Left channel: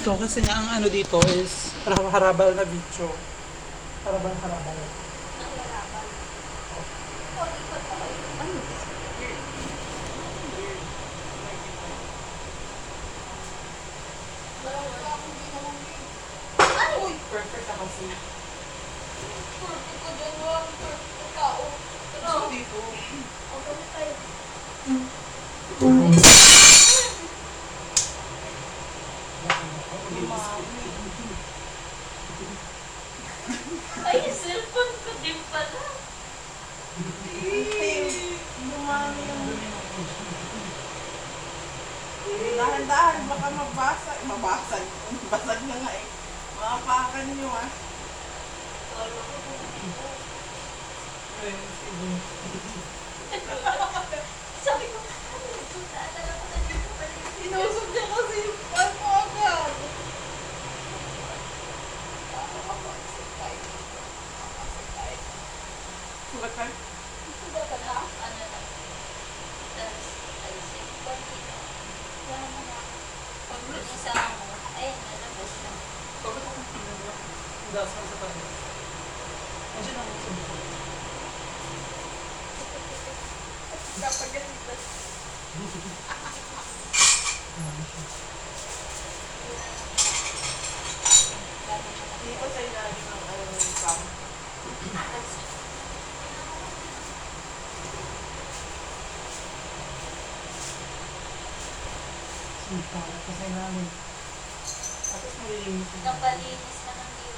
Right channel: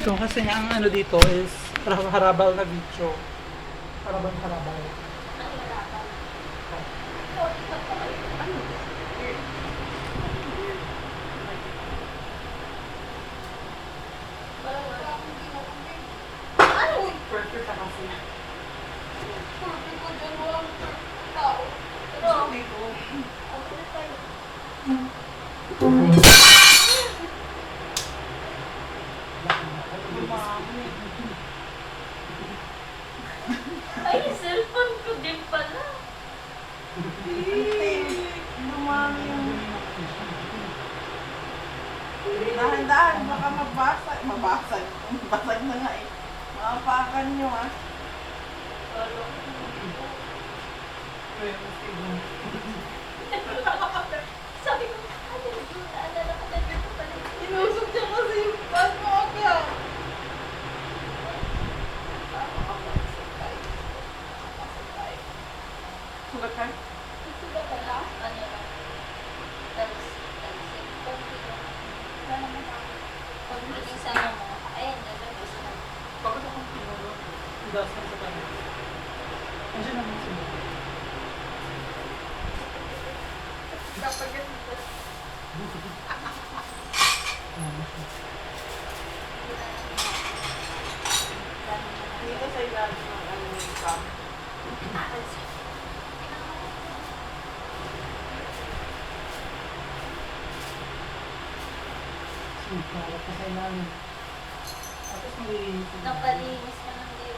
to kasi nga ang ano dito is harabal na video. Harabal. Perfect ka kasi. Dito. Ay, yung cellphone ko din pala. Dumami yung... Dahan-dahan, baka mabasag. Mabasag. Basag na nga eh. Makapakan nyo ah. Wala ko sabi ko, naalala ko na dito pala. Inusok niya kasi yung pan mo agad. Sulat ka? Sugat ka na? Ano na? Tapos, alisin. Konti lang. Wala naman ako. Pag isa na mo, ayun, nilabas na. Bakit ako pinalo? Gas mo sa pala. Medyo naman sila. Dapat ganito. Hindi ko sa ilalim ng ano yung cam. Para pa sa namin. Tapos may... Napalinis ka ng iyo.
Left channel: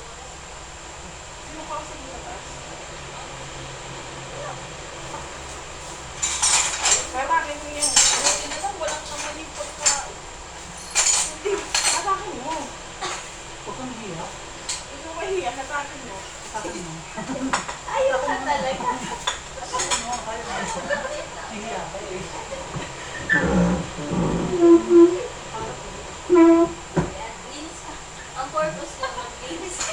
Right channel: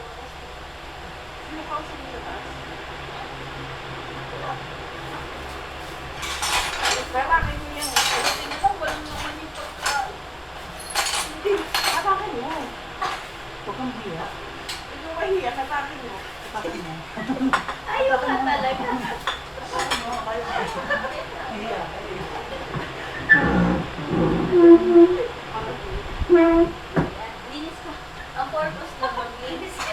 Sino ka sa mga taas? Kailangan mo yan. Buti na lang, walang naman yung pagkain. Hindi. Katakin mo. Huwag kang hiya. Ikaw mahiya. Katakin mo. Tapos mo. Ayaw ka talaga. Hiya. Linis ka. Ang purpose lang, maglinis ka.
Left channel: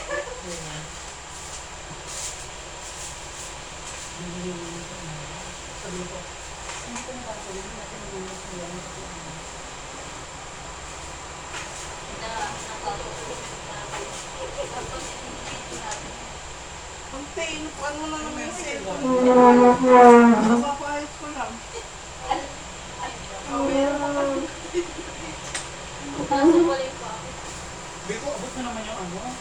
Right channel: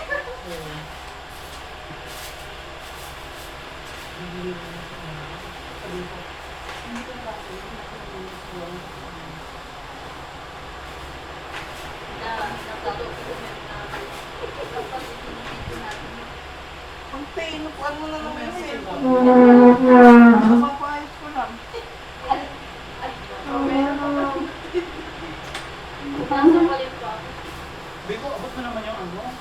Natadocument namin. Tapos itinitito natin. Ang inupuan mo na naman yung cellphone. Napapahit ko lang. Mamaya na pa. Nasa balik pa ako. Biko, abot mo naman yung ano.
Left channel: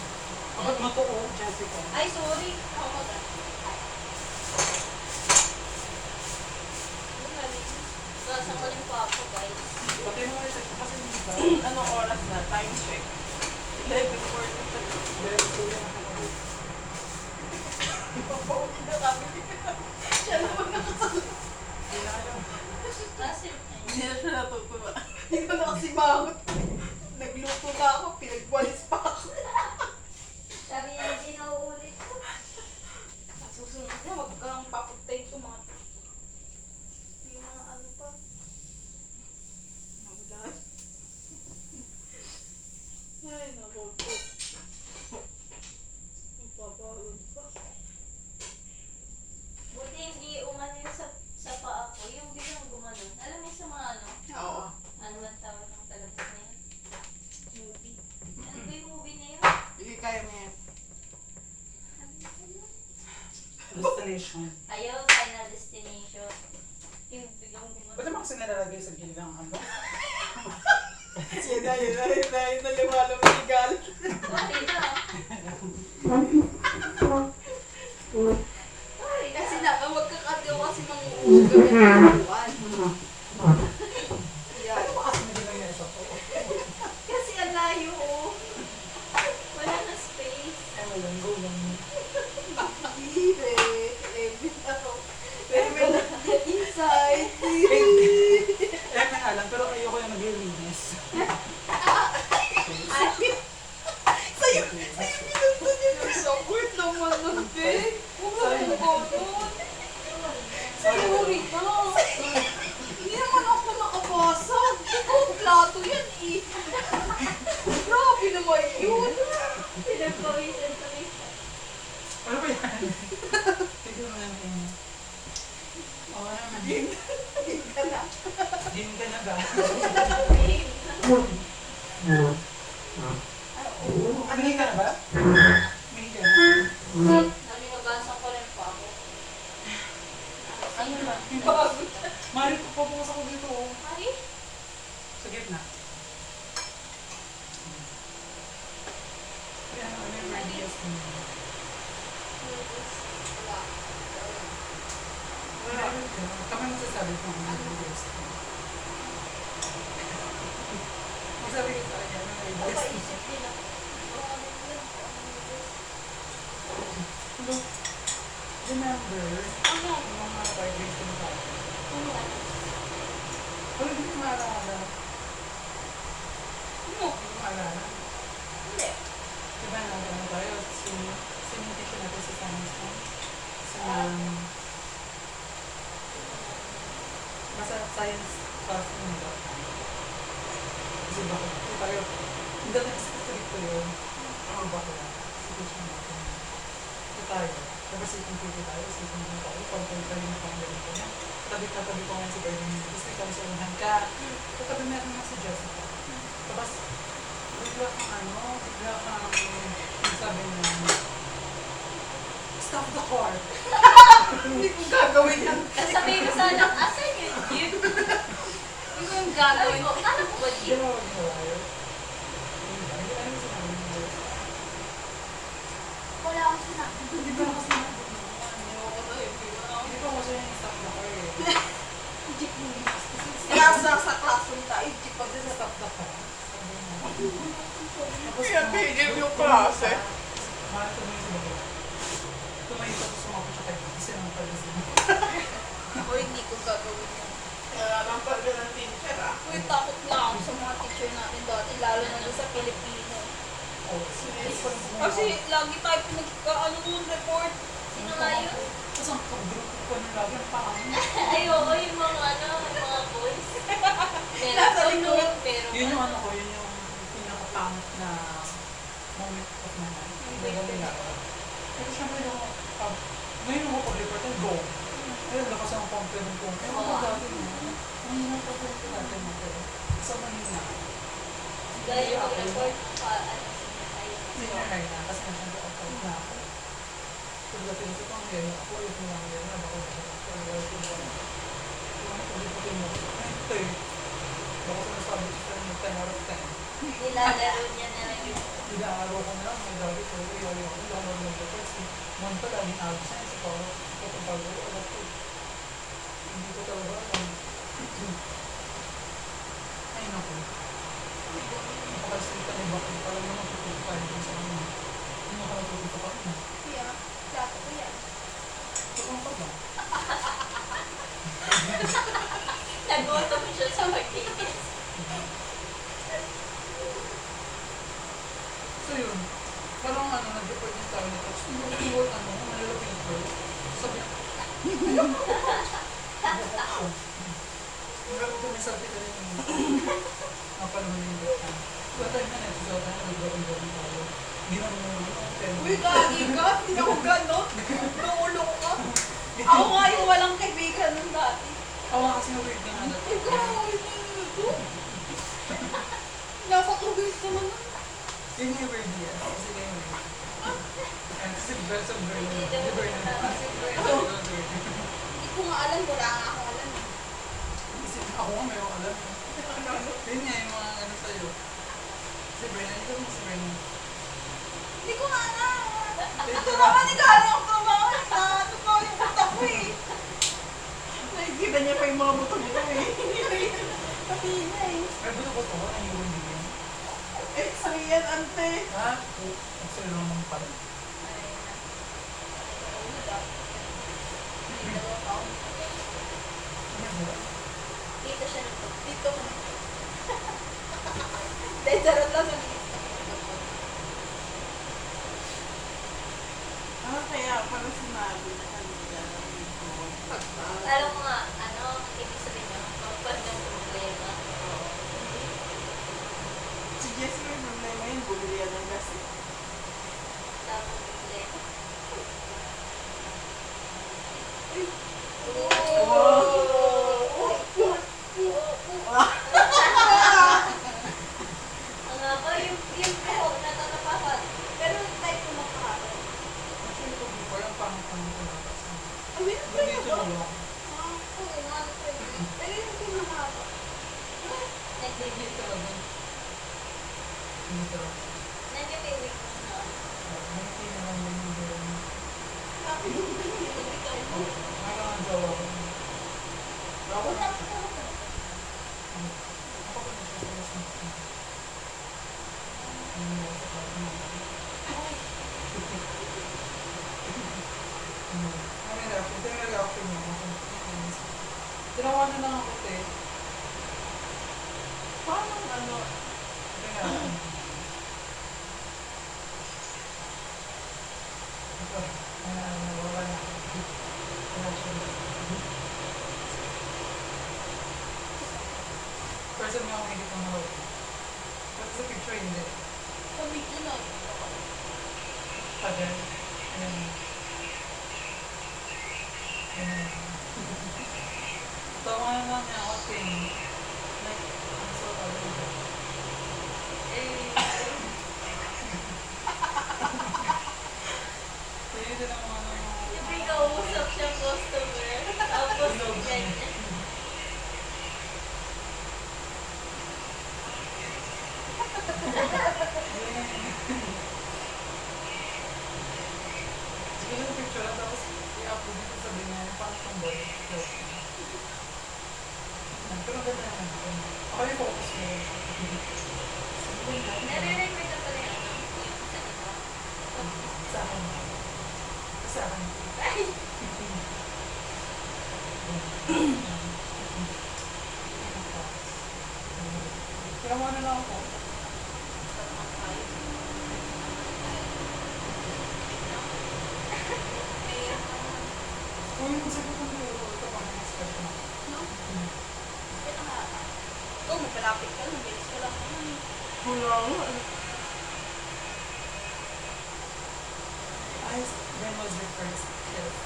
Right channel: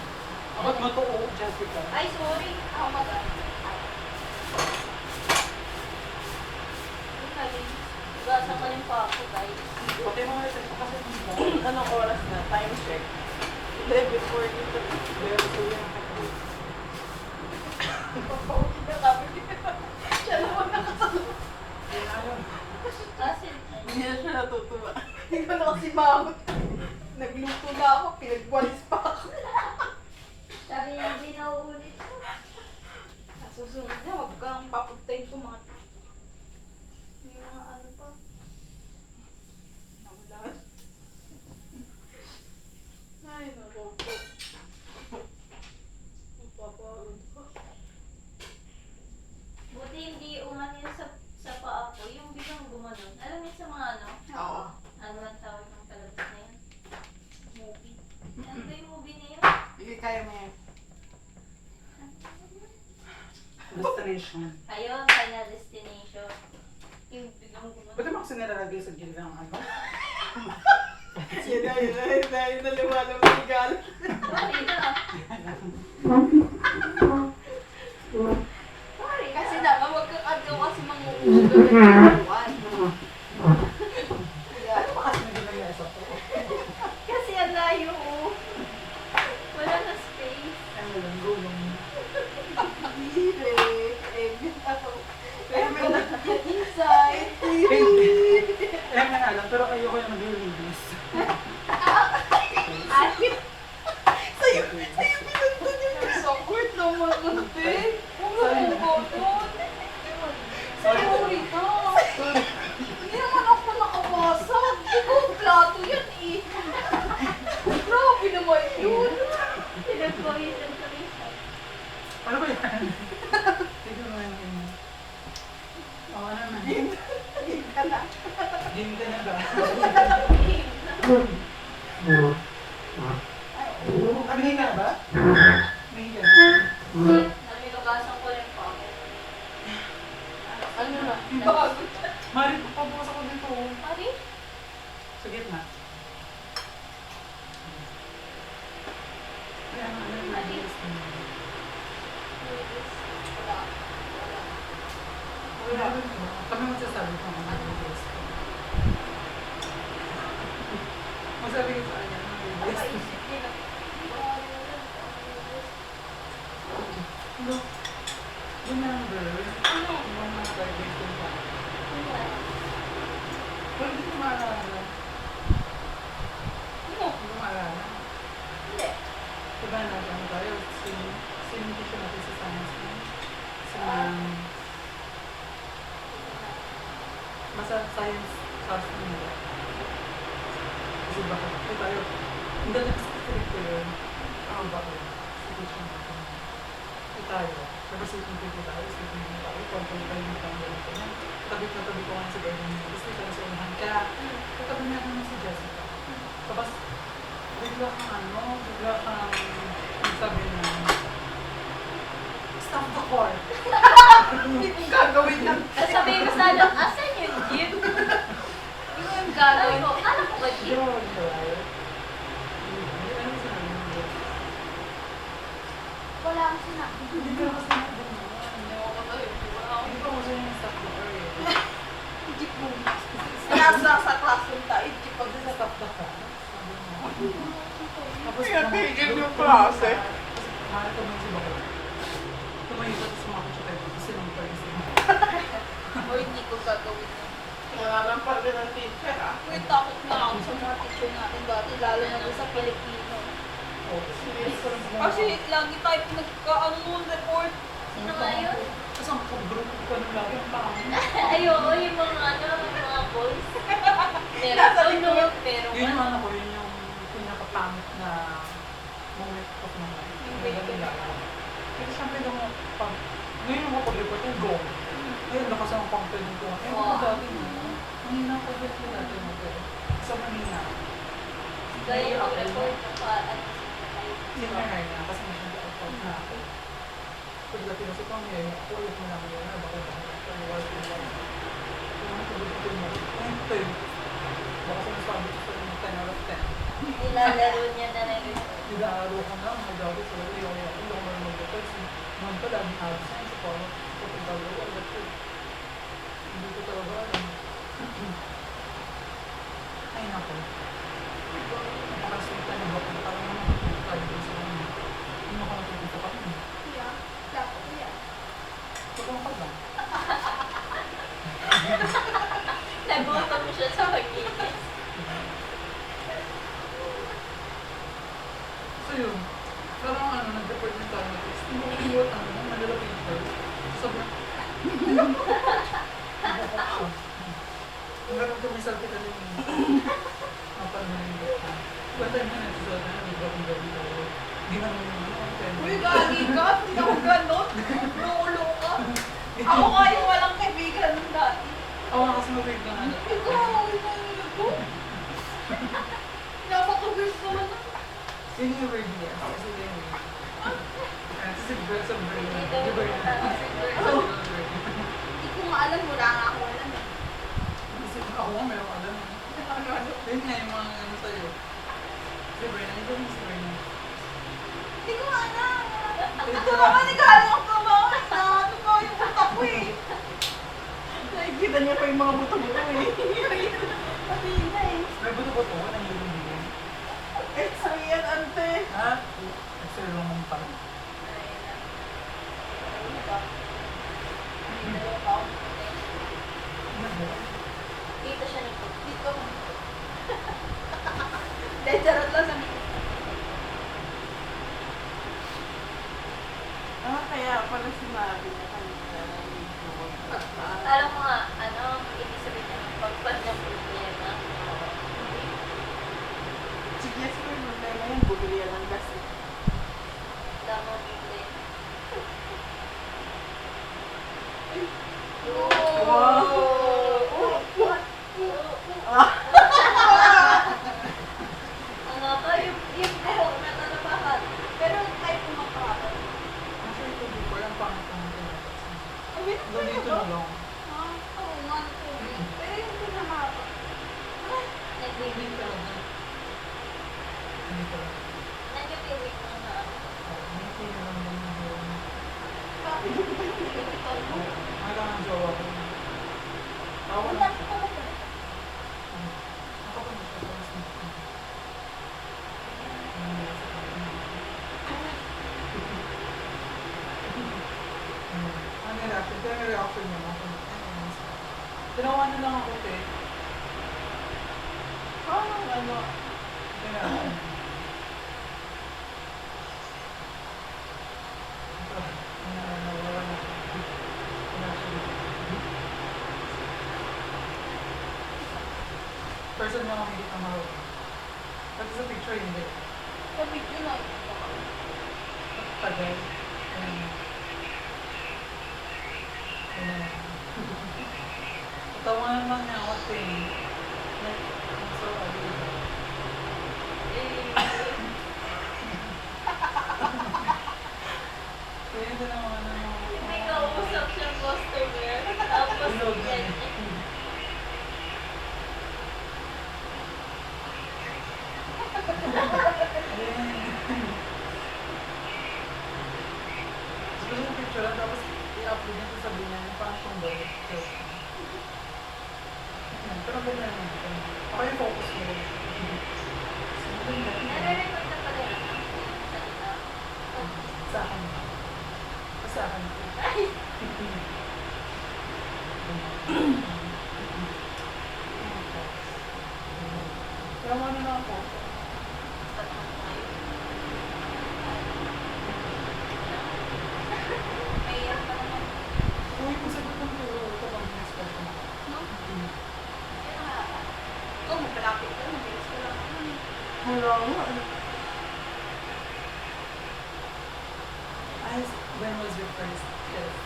Abot mo to, oh, Jessica. Ay, sorry. Ako ba? Gasa ko lang pa ako, guys. Pati mo kayo sa kasi diba? Anong oras na? Time check. 11:43. Pero so yan ako pa. Papauwi na kami. Siya naman nakasala. Kasi, Hindi na siya natutuwa. Hindi ko na kasi mahot. Nagluto na ako. Pinagwalis pa ako. sabi niya, hindi na uulit ko. Sa susunod niya, wag kang papuntayin ko mga... Yung mga ano pa. Namulan. Ay, nabobo. Magpapagod ko. Buti hindi umano yun sa paa ko. Yung biglang gumanon. Alam niyo sa mga ano? Oo. Ano lang tawag ng palabas na yun? Movie. Ano ba yung movie na yun? Hindi kaya mo yan. Destination. Ayun, Final Destination. Yung biglang gumanon. Ba't naman kasi nilalagay sa gilid ng ano? Yun na lumalong legal. Okay na. Kasi naman magkakagaw kasi manguugaw ng buwan. Ano ba kasi hindi nangyari sa po? Kasi ang layo, oh. Wala na space. Ano lang, go lang. Pero may inside. Eh, may alam, pero ayoko yung naglilinis. Sa'yo pinunta niya ng sakit naman nun, be. Huwag mo ganun. Sorry ka. Hindi naman ako nakabasag. Ikaw ang plato yan eh. Grabe naman yun. Pinagpawisan ko rin. Ano ba yan? Siguro na yung inyo. Oo naman. Hindi ka na. Din ka na ba? Ayun. Sabi ko, kami magsasabi kung ano yung best ko. Magsabi ko sa kanya, ano yung best ko. Napaisip nila. Kung ano yun, kung ano yung best. Look, remember, Ano? yung mga vibration sa akin. Ano ba? Pero hindi ko maalala. Ano? Hindi ko maalala. Hindi. Diba ano tayo, sino teacher natin sa science na? Sa, basta science class nila. Kasi bakit? Hindi tayo, hindi tayo specific ko yun. Ano ba ko? Si teacher natin. Hindi tayo. Representing people tayo, speaking mo tayo, pag-pag-pag yung tayo ganito na. Tabi ko nga si Bernie niya. Tapos may kami sa unahan ka. Katabi niya ako na si Jessica. Tapos, bigla kang sabi na, stop the car. Hindi ko gagawin yan. Sasabihin ko sana, asan yung jeep? Yung Sabi gagawin. ko, alam ko ba Hindi jeep? mo mag-drive. Hindi ano yung sinabi mo. Wala akong sinabi. Hindi ba ako sinabi mo? Ayoko na yun. Hindi pa ako siya yung stop the car eh. Jeep mo. Kaya sa classroom tayo, jeep pa Pag sa stop the car, sabi mo. Tapos, Kaya tigil yung klase. Mahal ko nung si Bakula. Tumayo ka tapos sumakot siya tayo. Kasi nang pag-isip mo. O hindi ko gagawin yan. Nangarang pa rin ang teacher ah. Uy, takot na ako sa mga teacher natin dati, lalo na doon sa Pilipino. Oh, Kasi lagi tayo pinagka-ano report. Sino nga yun? Tapos ang kabrook ko na lagi ang pangin. Ayoko, yung mga yung mga boys. Pero Nasa ano, likod. pero Yun yung ano ko, yun yung pinakapangit na moment of my life. Hindi nila. Pero syempre nung pag, ngayon ako pag-report yung go. Ayun, lakas ang confident ko. Eh, ako dati mo. Mahina pa din ko dati mo ko. Sa Manila. gaya yung report ng Senior high na, kasi masyado out na ako. Pag dati mo sa pangyayari, ako ulit mo lang yun. Baka pero wala ko wala. Yung pag-report mo ko. Ito yun. Baka sinasabi ko sa inyo 10 out of 10. nilalaro niya na lang yun. Nag-aaro ko na mga gago ko. Hindi ako marunong mag-report. Si Mon pa laging absent. So parang ito bago ko. Alam ko. Hindi ko talaga alam. Ay naku. Napakasulta ni Bakit. Parang naman kapit tayo din sa kanya. Hindi ako natututo pa kanya. Kaya, plato ko yan. Tulong ka lang. Nagutom siya sa magiging. So yun. Parang nag-report yung tayo nito. Tapos inuot Manila paper. Sabi niya, Hanggang tumisal kita din yung mapanunilit ka. One time na nagsusuot na nag-gabi-gabi tayo. Hindi man yung pero... Uy, gagi ka. Hindi ako ganon. Nuulo ka. Ako nga yung walang kaibigan nung dati. Oo nga kasi mabait ka nga na. Ikaw, inuulo ko. Hindi ako kawin ko na. Yun yung word niya. Kasi yun yung word. Kasi sa brain. Hindi daw Di ba yun? matama si Bert. Oo, word. Hindi ko nga alam. Wala nga ako alam eh. Kasi ako nga mayroong alam yun. Ano? Yun nga yung mga ano sa'yo. Si Bernard, ikaw yung si Bernard. Hindi ko nga alam. Ito Ito naman, nag-aalang ako ba? Ano ba yung utak ko eh. Nakikita niya pa yung mga buto-buto eh. Pati na eh. May buto ko to, nahihilong din yan. Eh, so yan, ante. Ha? Nag-sir naman pala. Dito siya nito. Dito. Dahil charot lang sabi. Kaya pala sinabi na kanina na medyo pagtaas. Alam mo nga, ibig sabihin niya, pagpag ng problema. Si Jess yung problema yun, bumili yan ng gas eh. Damo problema. Ang nga ba, yung buhok na tanapahan. Pero type ko magpakapat. Actually, ito before, ang pangit-pangit ko na. Ang bilis ko Dito ba? na lang. Oo nga, ito yun. Pero yung pinamahaba. Nag-wig talaga. Hindi talaga. Nag-wig ko na. Nakikita na lang din yung buwan. Tapos, Parang ang jowa ko. Ito yung reaction niya. Tinawa na lang ako, te. Parang ano, Ito yung reaction niya. Ito, nawawala ako. Reaction niya. Person niya ako higit ng mahal. Pati sa picture, hindi. sa video na ito. Tagal. Ayan. Ayan. Tawa naman niya ako, te. Like, I'm so ugly. Kaya ito naman ano. May kausap siya customer. Tapos ganyan. Siguro yung picture lang, tapos i-upload niya ito sabi niya, parang tomboy. Pero ganda naman dito. Baka yung focus mo. Nare-record na pala yun. Yung salita. Sa akin. Sa akin. Kaya mo ano lang ako. Mahirap pa naman. Uy, masagot ng biro. Ito bang next question? No? Ito nga. Ikaw, magpalapit ka, mabilis ka lang naman eh. Wala nga. Ay, when was your first kiss?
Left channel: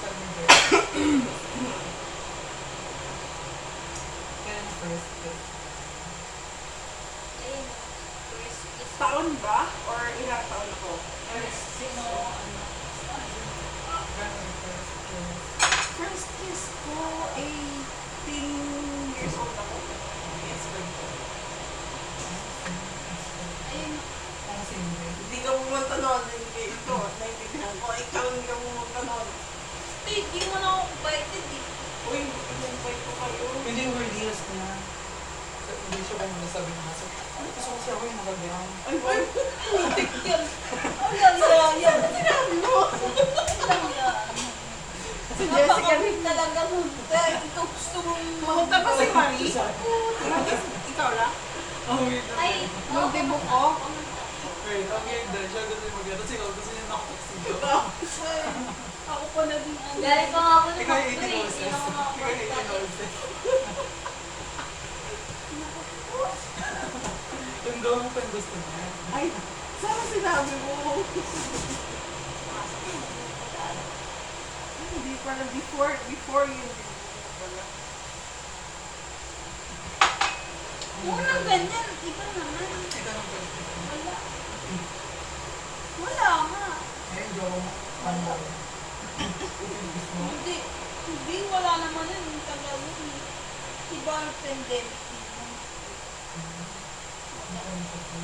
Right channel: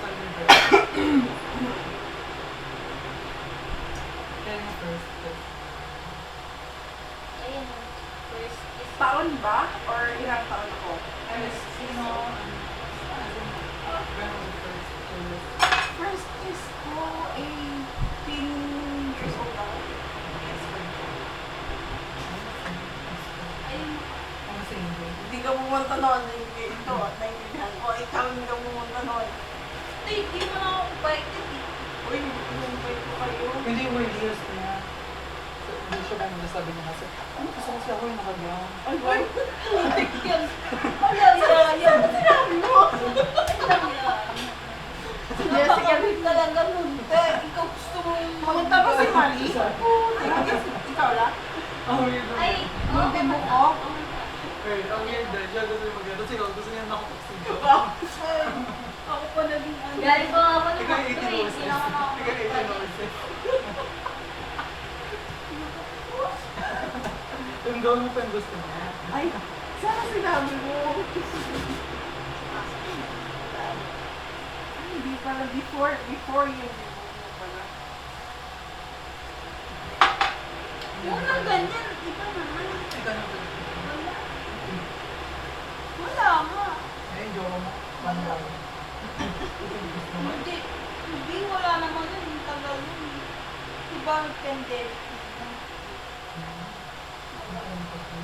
Saan your birth? Kaya yung first kiss. Ayun. First kiss. Taon ba? Or ilang taon ako? Sino, ano, when was your first kiss? First kiss ko, 18 years old ako. Ex-friend ko. Ayun. Ang single. Hindi ka pumunta noon, hindi ito, naintindihan ko. Ikaw hindi ka pumunta noon. Hindi mo na ako invited eh. Uy, in-invite ko kayo. Hindi yung weird years na. Hindi siya kung nasabi niya kasi, ano gusto ko siya ako yung nakagawa. Ay, putik yan. Wala yan. Sinabi mo. Si Jessica rin talaga nun. Ikaw gusto mong pumunta ba si Marie? Ikaw lang? Ang weird na. Ay, Yung demo ko? Wait, ang weird na. Siya gusto niya mag-gato. Kasi gusto niya nakapagsigo. Ako pa naging ano. galing pa nga ako ng Ikaw yung 18 factory, hours. hindi ako Ikaw yung 18 hours. Yung gawin mo pa yung gusto niya. Ay, sana sinabi mo. Hindi pala before yun. Unang ganyan, iba naman. Ikaw nang pwede. Wala. Wala nga. Ngayon, jowa mo. Ano ba? Ito yung gusto mo. Hindi, wala naman yun. Yung tagal yun. Diba ang pandemic?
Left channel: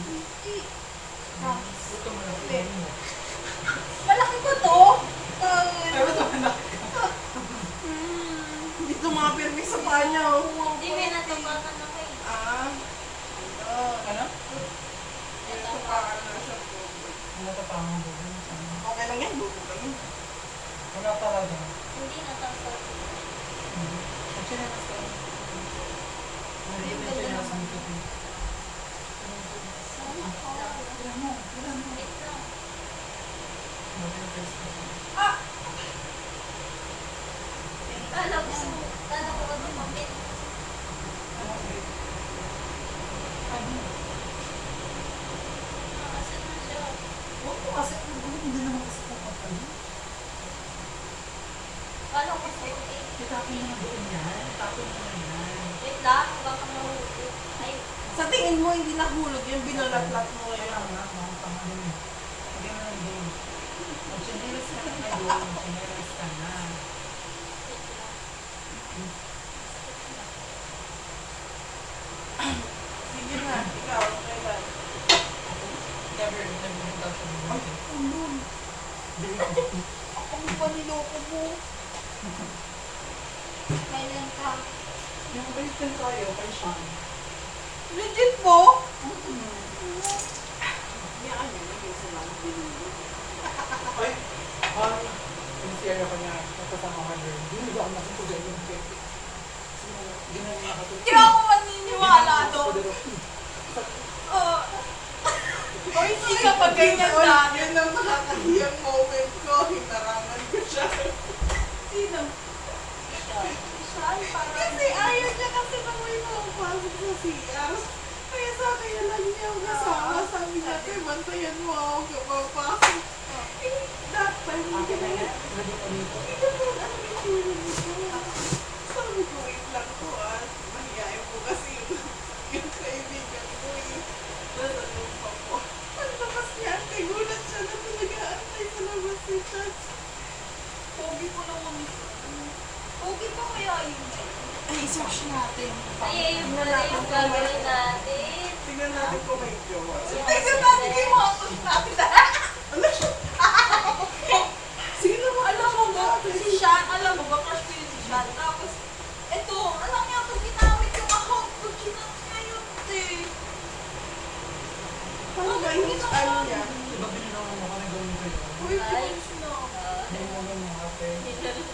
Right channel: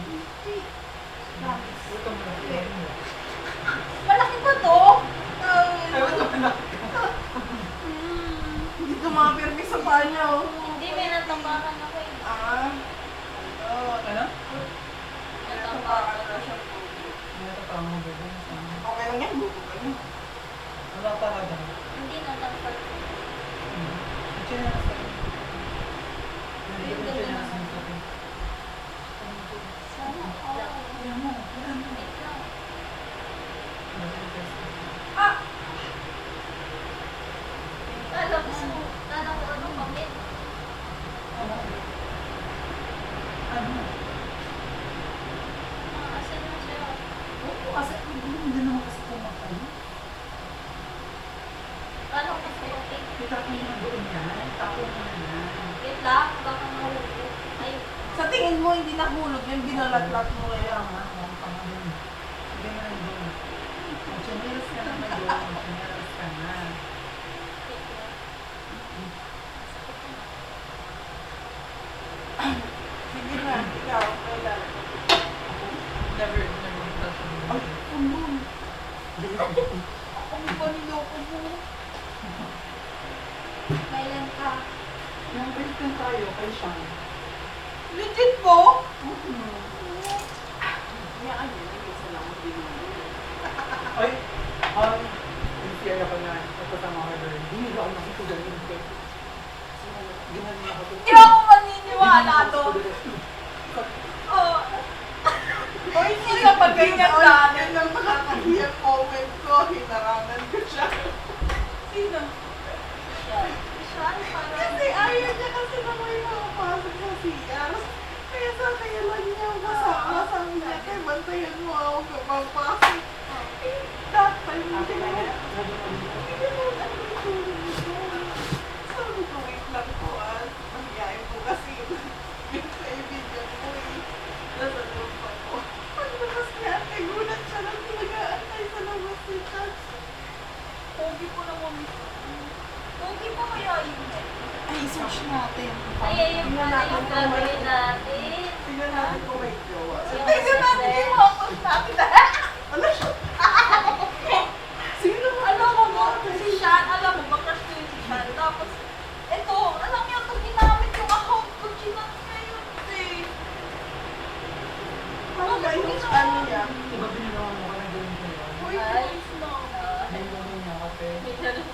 Hindi. Ito mo. Malaki ba to? Ay, ito mo. Hindi tumapirmi sa panya. Hindi, may natapakan ako eh. Ah. Ano? Natapakan na siya. Hindi natatama mo ba? Okay lang yan, buko kami. Wala talaga. Hindi natapakan. Ang chinelas ka. Hindi ko chinelas ang puti. Sana all. Wala mo. Wala mo. Wait lang. Ah! Alam mo, sana ko ano comment. Ano? Kasi na siya. Oo, kasi hindi naman kasi pumatay. Paano ko mas okay? Itapon mo na doon yan. Itapon mo na yan. Wait lang, baka mahulog. Ay, Sa tingin mo, hindi nahulog yung binalatlat mo Kaya ngayon. nga, ang pangalan. Hindi mo na doon. Mag-chinelas ka na na doon. Mag-chinelas ka na. wait lang. Sige na, ikaw, kailan? Never touch me. Ay, ulun. Ako may paniloko mo. Kailan ka? Yung Christian tayo, kay Sean. Legit po? Niya ano, minsan ako binili. Ay, yung si share ako na ito sa mga girl. Hindi ako nakatugan yung check. Hindi na nila ako. Hindi ako maniniwala doon. Oh. O hindi ka pa ganyan dati. Yun ang nakakahiyang moment ko. Hinarangan ko siya. Sino? Siya. Siya, parang... Kasi ayaw niya kasi na may makapasok sa CR. Kaya sabi lang niya ang kasama. Sabi niya, kaya bantayan mo ako kapag pasok. Eh, that time, hindi mo. Hindi mo ano yung tulong nito. Sabi ko, wait lang po ah. Mahihayin po kasi yung kaibigan ko eh. Nalulong pa po. Paglabas niya, nagulat siya na nag-aantay sa labas ni Chats. Pogi ko naman ito. Pogi pa kaya yun eh. Ay, search natin. Ay, yung pala yung gagawin natin. Tingnan natin kung may jowa. Tignan natin yung mga post natin na. Ano siya? Sino ba? Alam mo ba, si Sean, alam mo ba, crush ko yun si Sean. Tapos, eto, alam niya, pag ginamit yung account ko, chinat niya yun eh. Paano ba yung ano niya? Diba binagawa mo ka na gawin ko yun? Uy, boys no. Hindi mo niya, okay?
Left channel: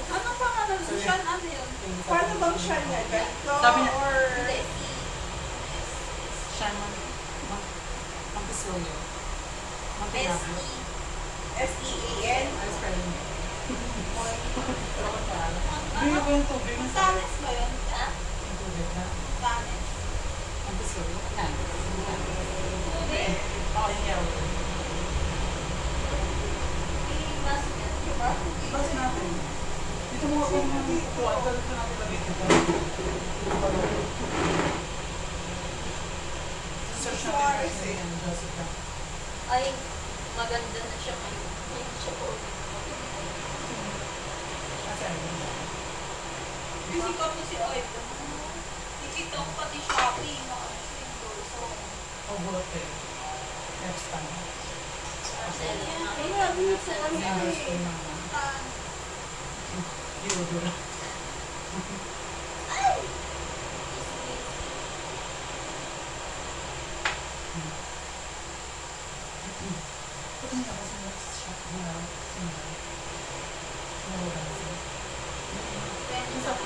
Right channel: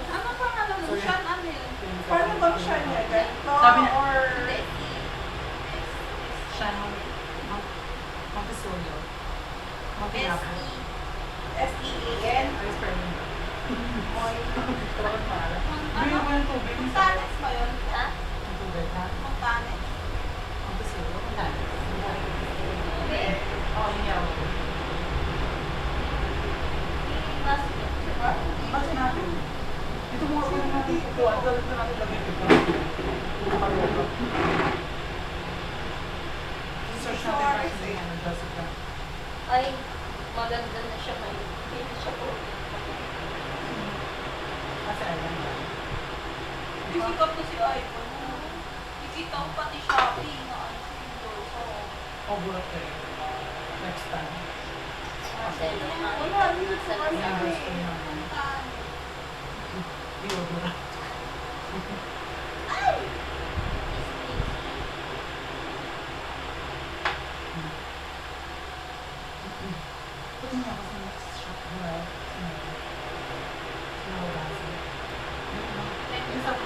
Ano pa nga nun? Si Sean, ano yun? Paano bang siya niya? Ganito Sabi niya- or... Siya, Montessori. Montessori. S-E-E-N? Ice cream. Moy. Pero kung paalam. Bigyan ko yung tubig. Montanes ba yun? Ha? Yung tubig, ha? Montanes. Montessori. Ano? Hindi. Oo, yung yaw. Nasa Diba? Basta natin. Ito mga pa natin kukuha. Galit na natin lagay ito. Nakaloka. Search natin kasi ano, Jessica. Ay, maganda na siya ngayon. Hindi siya po. Kasi ayun na. Busy ka po si iPhone. Ikita ko pati Shopee na ano si Endorso. O, bulot kayo. Next time. Marcelo. Wala, dito. Ano Next eh? time naman. Saan? Deodorant. Pati niya ako sa next shop. Well, Isa po.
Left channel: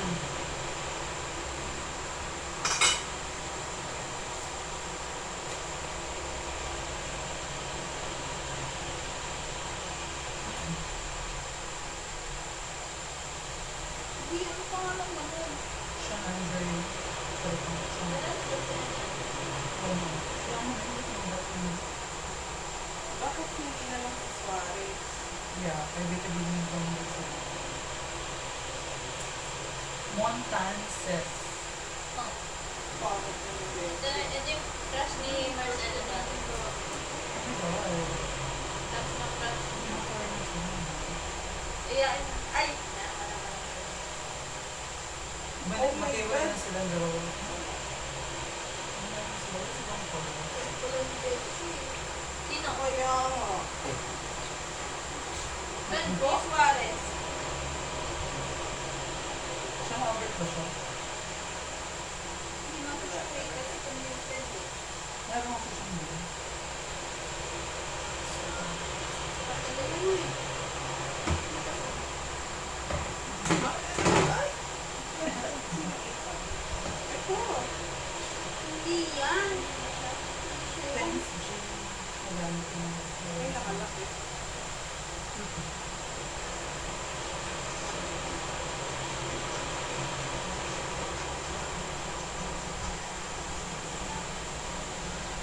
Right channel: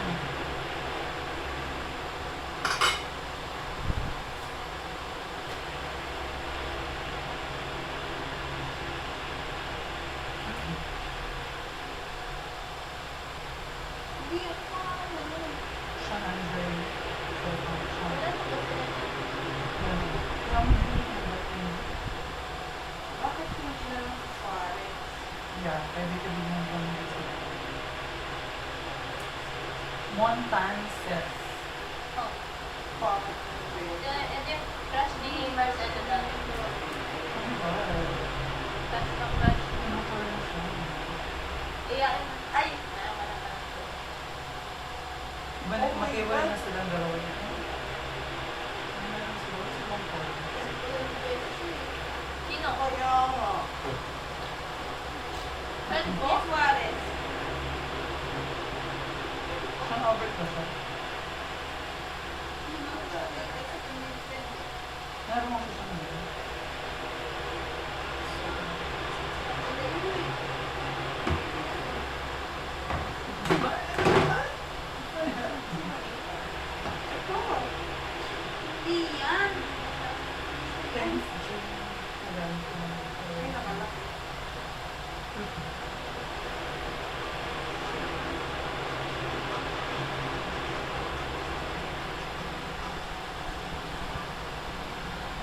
Hindi ako pangalan mo nun. Siya na ni Gray. Pero pang siya. Wala na po siya. Wala mo. Kaya mo na hindi ko ba't yun. Bakit hindi na lang si Suarez? Yeah, kaya di ka din from Mexico. Montances. Oh. Bakit hindi? Ito yung crush ni Marcelo dati. Ano ba? Crush na crush. Ano pa rin na siya? Iyain na. Ay! Naman naman. Balik Oh my matiwala God. na silang dalawa dito. Ano na lang sila? Si Bang Paul. Sino? Kaya nga. Friend ko? Si Suarez. Siyang Albert ba siya? Meron ako siyang dito. Hindi yan. Thanks, Jim. Magamit ko na. Ay, nakalaki.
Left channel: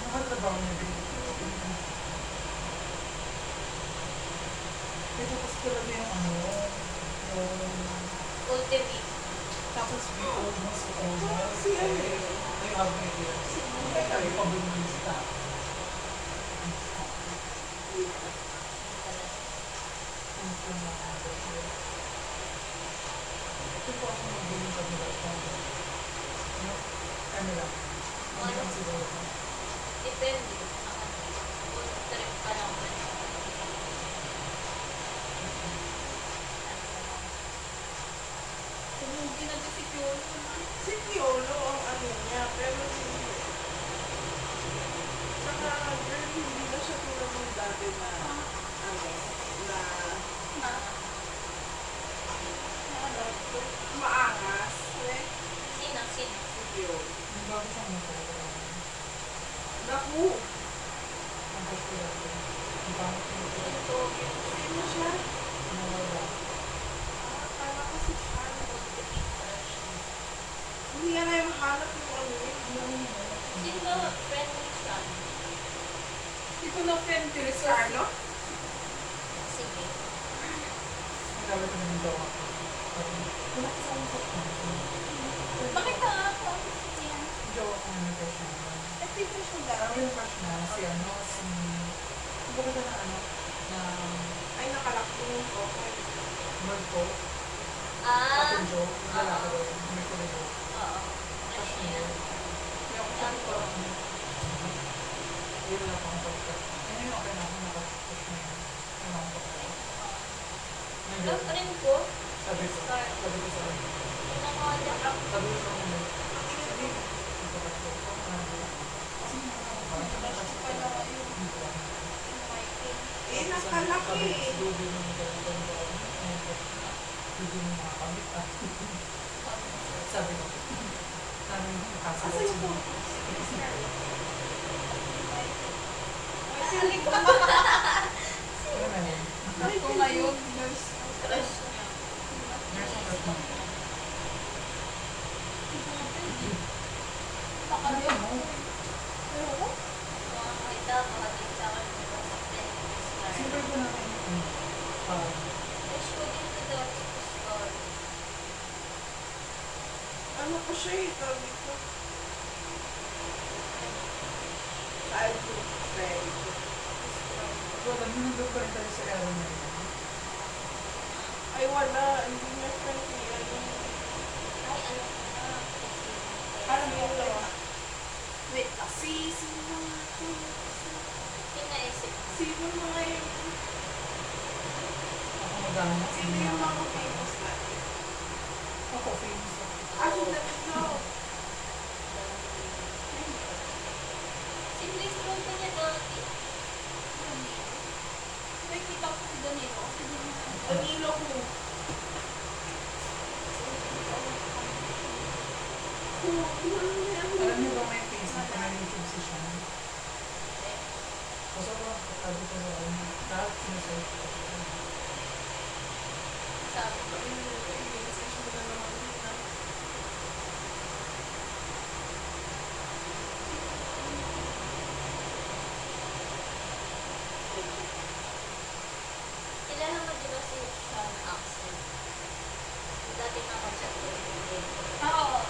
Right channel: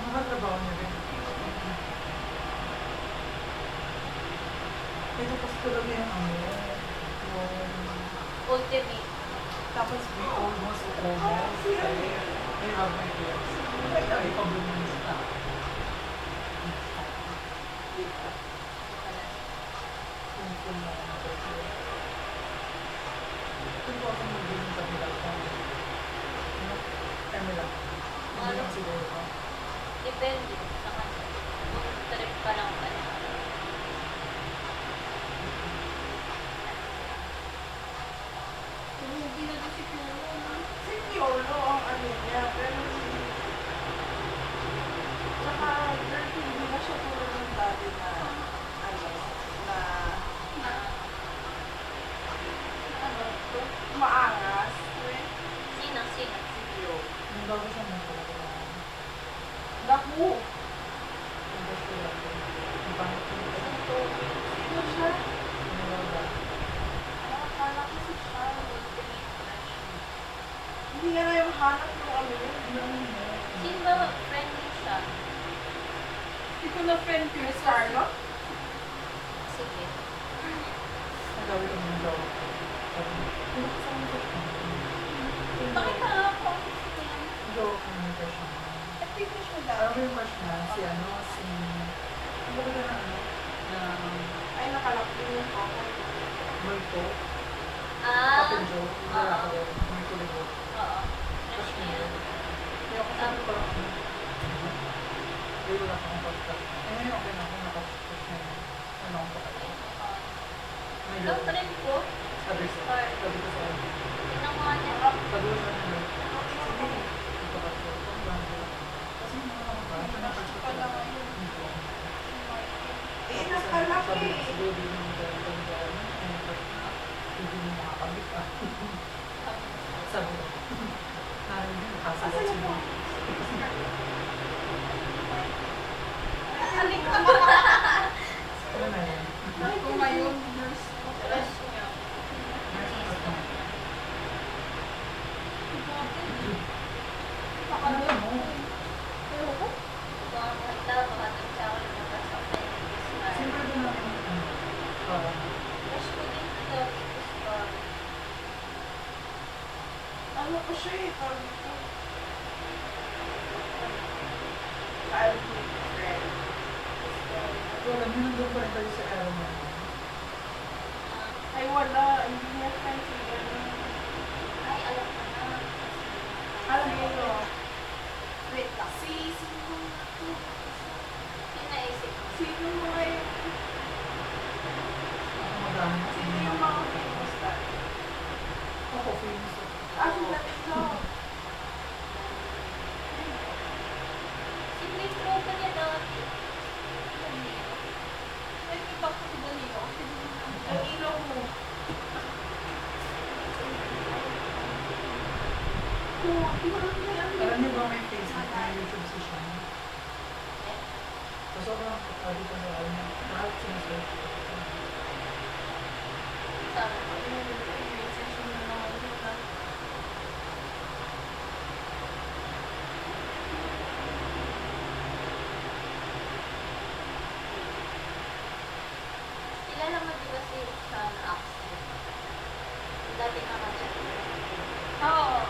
Nakatrabaho niya rin. Ito kasi talaga yung ano, yung... Ultimate. Tapos we almost. Si ano eh? I have my ears. Like, ay, pabunista. Simple na ako. Ito po ako mag-game kami lang po. No? Kami lang. Hindi lang siguro ko. Depende sa kanya. Kung trip ka lang ba? Hindi na si Piolo. Si Piolo ang ano niya, pero si... Tsaka, girl, hindi na siya tulad ng dati na, ano, na... nahanap yung ano yun. Sino ba friend mo siya? Hindi ko na friend ko. Chris Carlo? Sige. Ang gawin ko naman daw ako. Wala ko sa mga Bakit ka nga ako? Yan. Hindi ako may crush na. At di ko siya Alam dati. mo yung crush na si ano, si... Ang bakit na ano? Na... Ay, nakalak din yung photo. Multo. Ah. Kapin Joe. Yung lalaki daw. May kulibo. Oo. Crush na yun. Kaya ako sabi ko lang ano. Ay, wala pa akong pag-crush na. Eh, ngayon okay na ako nakapag-crush na yun. Ano akong pag-crush. May Ang girl. friend ko, Sabi ko. Sabi ko sa ano. pinakuha niya. Sabi ko sa ano. Sige. Ito ka to. Kasi mga parang pinapasok ko lang. Dito ako. Eh, nakalaki eh. Siguro din yung gawin. Hindi mo makakamit ah. Sabi ko. Namin yung Asa kasalat yung siya. photo? Chris Carlo. Ano na yun? Ako ngayon, nurse. Crush niya. Nurse ang crush mo. Baka Ano ba mo? Pero ko? kung ang makita, makating siya ako yung makasakay ng Bismarck. Siyempre ba namin Crush ko din sa dati ko sa Ano ko siya eh, tawag ito. Childhood friend. wala mo nandun pa rin kayo sa era niya. Ay, wala. Hindi na friend si ano. ay, alam ko na. Alam mo ito. Wait lang. Sino mga to? Kinaisip ko. Sino mga yun? Ako magana. Sino yung mga famous dati? Ako famous ako. Ah, tatlo. Si Grace Roca niya dati. Danilo. Nakikita ko si Danilo. Kasi Ang ilo ko. Alam niyo ba may Facebook, may YouTube si Sean? So, sobrang sabi ko na alam niya. Lahat sinusearch ko. Sabi ko. Kilala mo di ba si Sean Axel? Dati nga nga-chat ko. Oo.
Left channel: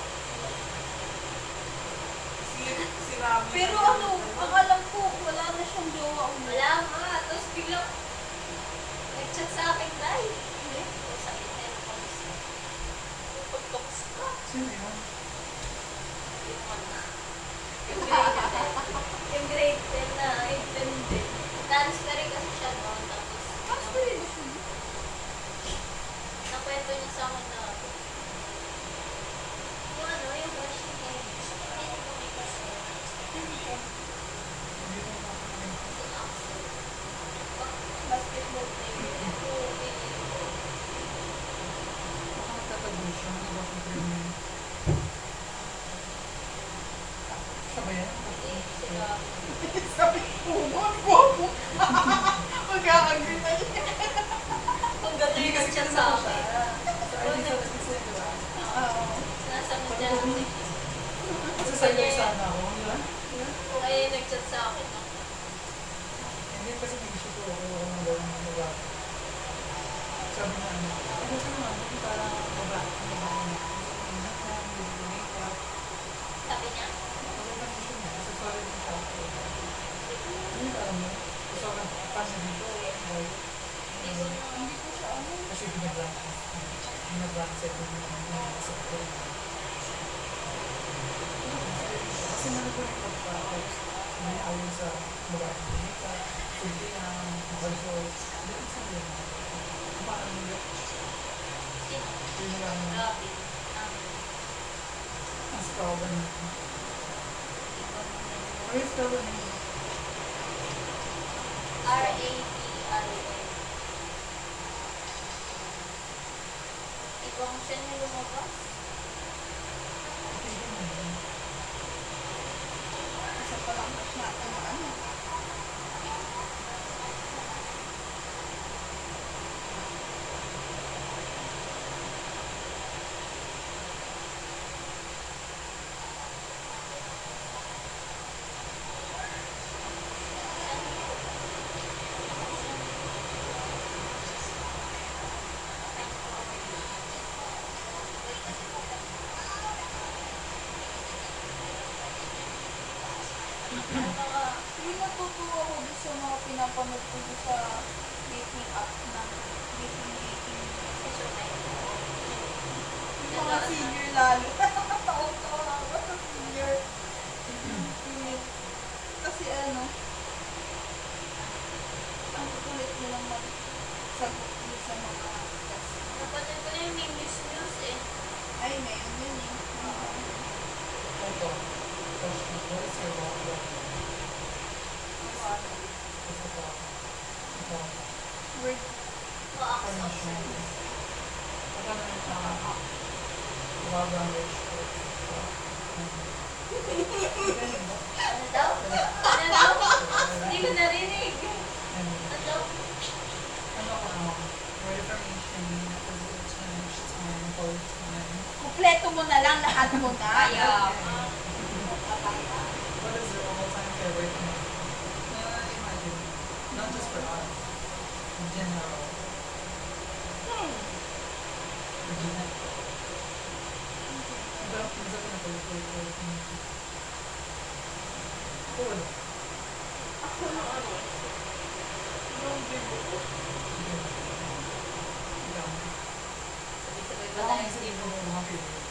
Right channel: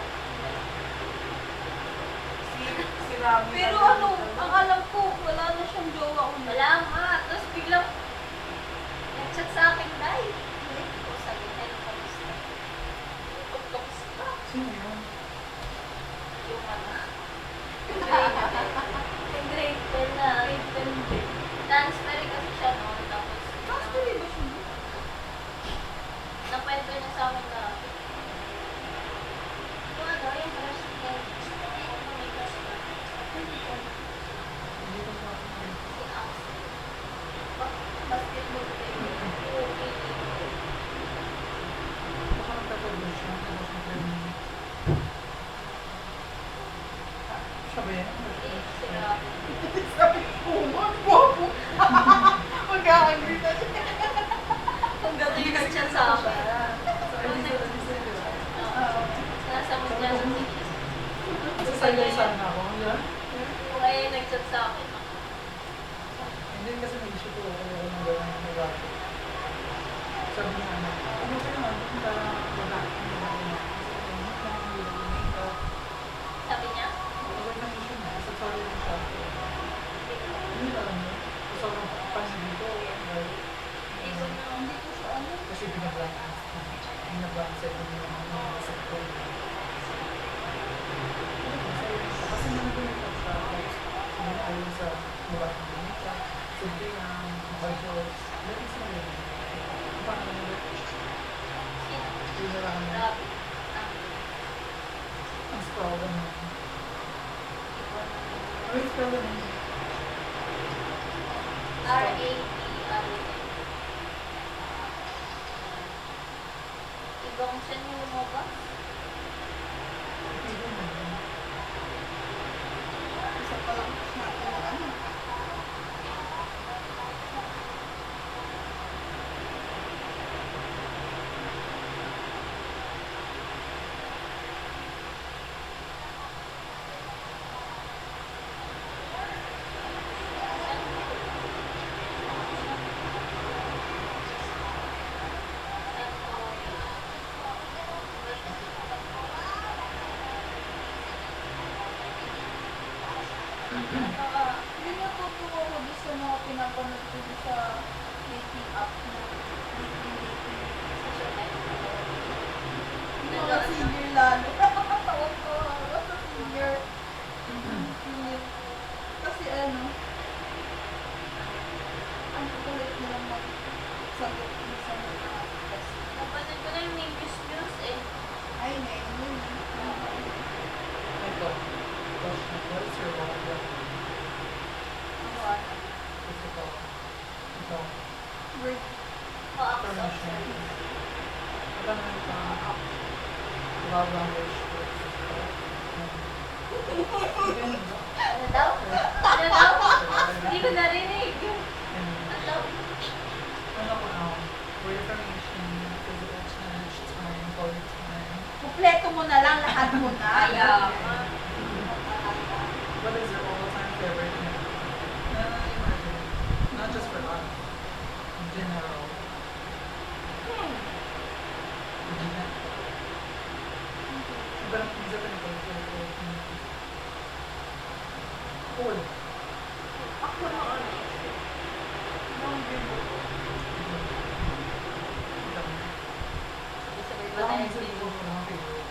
Si Rami. Pero ano, ang alam ko, wala na siyang jowa una. Wala nga. Tapos biglang nag-chat sa akin dahil. So, sabi niya, kamusta? Kamusta? Sino yun? Yung ano. Yung grade 10 na. Grade 10 din. Transfer kasi siya noon. Tapos, Master ba siya? nakwento niya sa akin na yung ano, yung crush niya. Hindi ko pa Si Axel. Basketball player. Oo, basketball. baka nagtatago siya. Baka siyang training. Siya ba yan? Hindi, sinabi. Sabi ko, bobo. Mag-a-agree na siya. Ang gabi nag-chat sa akin. Sa ID sa di ba? Oo. Sinasagot niya. Kasi sa iyo sana ako. Yan? Kung ay nag-chat sa akin. Hindi kasi may issue ko. Kaya ako nang gawin ng babae. Sabi niya ano. Ano ka naman? Kung parang babae. Babae na. Sabi niya, Okay lang issue na. Sa sorry na siya. Hindi alam mo. Sobrang fan dito. hindi ko na. Hindi ko siya ano. Kasi binablank. Binablank sa ito yung mga nasa ko. Kasi naman ito yung pagkakos. Hindi ayon sa babae ng Dominica. Hindi ang budget. Dahil sa rin. Paano nila? Sino? Yun na lang. Grabe. Ang spell ba niya? Ano yung spell ba niya? R-A-B-R-A. Ibang siya niya lumabas. Tignan mo yun. Isa pa lang natin na ano. mga pinapanood ko dun sa dating app na dating. Yung mga senior lalo. Tawa-tawa ako sa senior. Yun. Kasi ano, ang kukulit mo lang magsagot dun sa mga test. Napanood ko na yung may news eh. Ay, ngayon yun eh. Ito. What is your love language? Ito. Ito. Word. Acts of service. Ito na ito. Love language. Ano daw? Ano daw? Hindi ko narinig. Ano? Ano ko now? Word affirmation, physical touch, time, quality time. Kumpleto mo na lang, lahat mo na. Ayaw. What is your all-time favorite movie? Imagine, not just for us, in general. In general. Iba lang pinsa ka na favorite movie. Cool. Ako no ano, nung bibo ko. Ikaw. Sabi-sabi ba Wala tayo? akong isa dito ko lang favorite.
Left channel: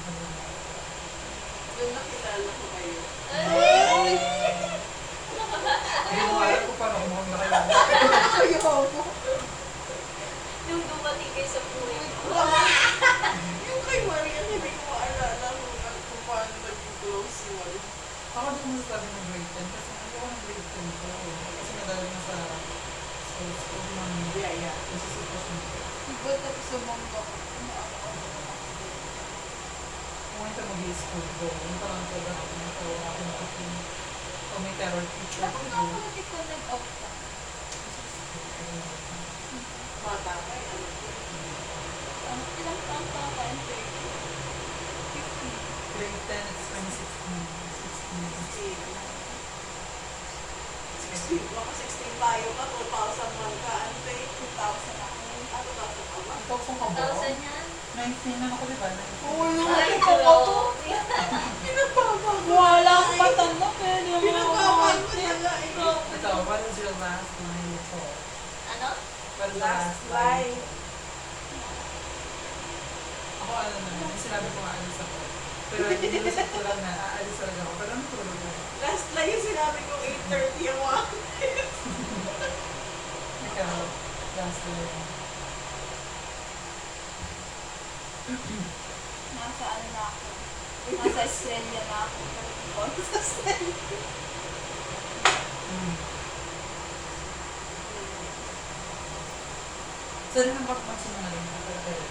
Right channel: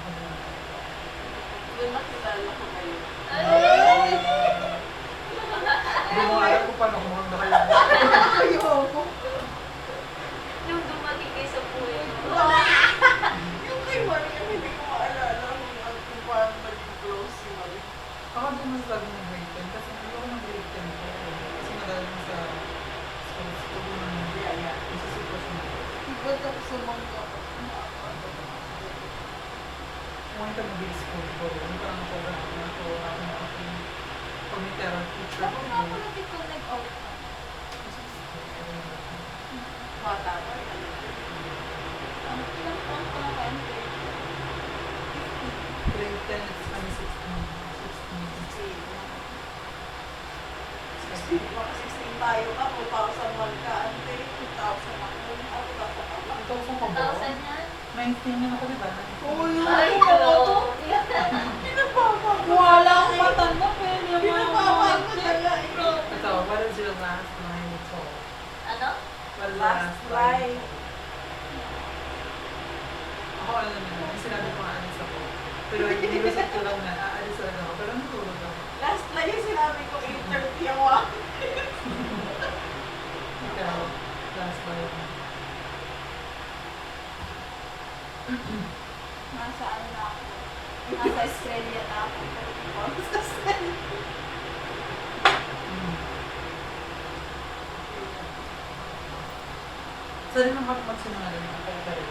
Ano lang. Yung nakilala ko kayo. Hindi mo alam kung paano kumanda kayo. Ayoko. Nung dumating kayo sa buhay ko. Yung kay Maria, hindi ko maalala kung paano naging close si Maria. Ako din mas lagi ng grade 10 kasi ayoko ng grade 10 ko. Kasi madali na sa school naman. Yeah. Isa sitwasyon ko. Iba tapos sumangga ko. Kung ito mag-school ko, yung parang sobrang ako na ako. Pag may terror teacher ko, Ako nga pala di ko nag-out ka. Bata ko. Ano, ilang taon ka na kayo? 15. grade 10, it's 16. 16. Baka 16 tayo ka, 2001 ka. Ano tayo? 2000 ako. Ako ba sa kama? Ikaw kung ka ba? 1,000 yan. 19 na ako, di ba? Oo, Ay, yun. no. Pinapapag. Wala akong matanda pero yung mga Pinapapag mo mga na nga. Ikaw. Ito, what is your last line of song? Ano? What is the Last last line? line. Ako, ano na, yung sinabi ko aalis ako. Pero nilusot ko lang na aalis talaga ako. Pero natulog ako. Last line yung sinabi ko, 8:30 ako. Ikaw, last line. nasa ano na ako. Nasa Australia na ako. Sa Australia. Sorry naman ako magsinungaling ako pero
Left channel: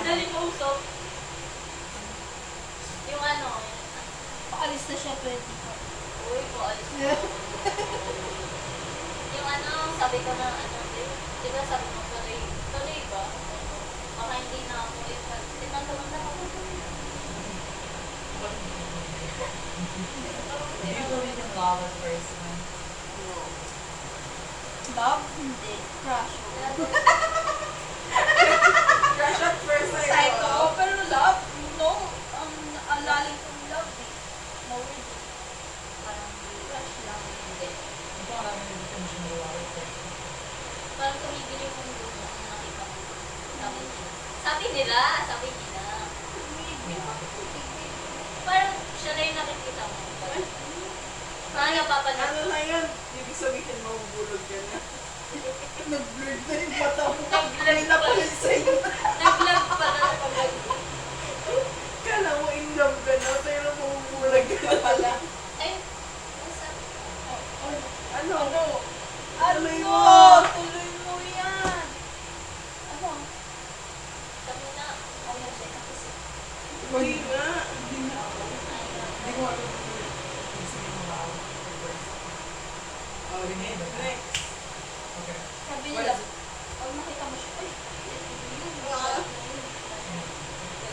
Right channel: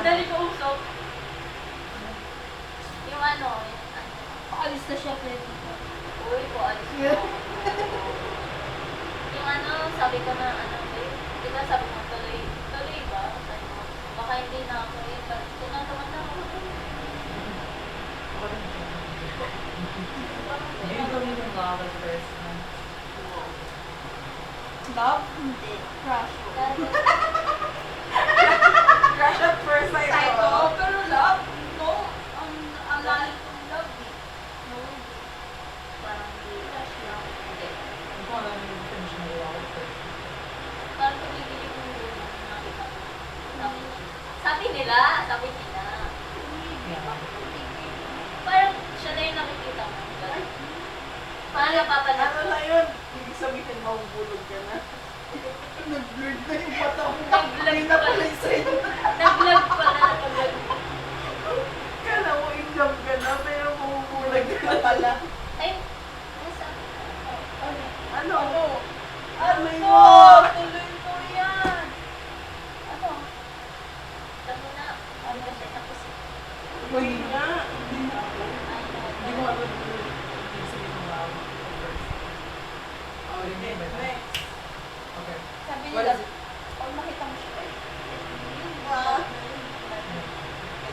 Dali ko usok. Yung ano, Paalis na siya, pwede ka. uy po, alis mo ako. Yung ano, sabi ka na, ano, di ba sabi mo, tuloy ba? Ano, baka hindi na ako tuloy pa. Tinatawa na ako. Do you believe in love at first no? Love? Hindi. Crush. Crush at first sight. Psycho. Pero love? No. Ang lalim kong love eh. No. Parang Crush lang. hindi. Ito ang aming definition of love at first. Parang tumibili yung mundo na nakita ko. Sabi nila. Yeah. Parang siya na yung nakikita mo. Paano napapanood Ano mo? na yun? Ibig sabihin, mahubulog ka na. Nag-blurred na yung mata mo. Ay, napalit sa'yo. Nag-vlog pa na napag Kala mo in love ka na, pero mahubulag ka na pala. Ay, ano sabi ka? Ano? Ano? yun? Tuloy mo yan. Ano? Sabi na, ano siya, tapos Hindi nga. Hindi na ako. Hindi ko alam kung ibig sabihin ng love at first. Oh, remember na? Next. Okay. Sabi What nila, is it? pag nakita mo siya, ay, Ah.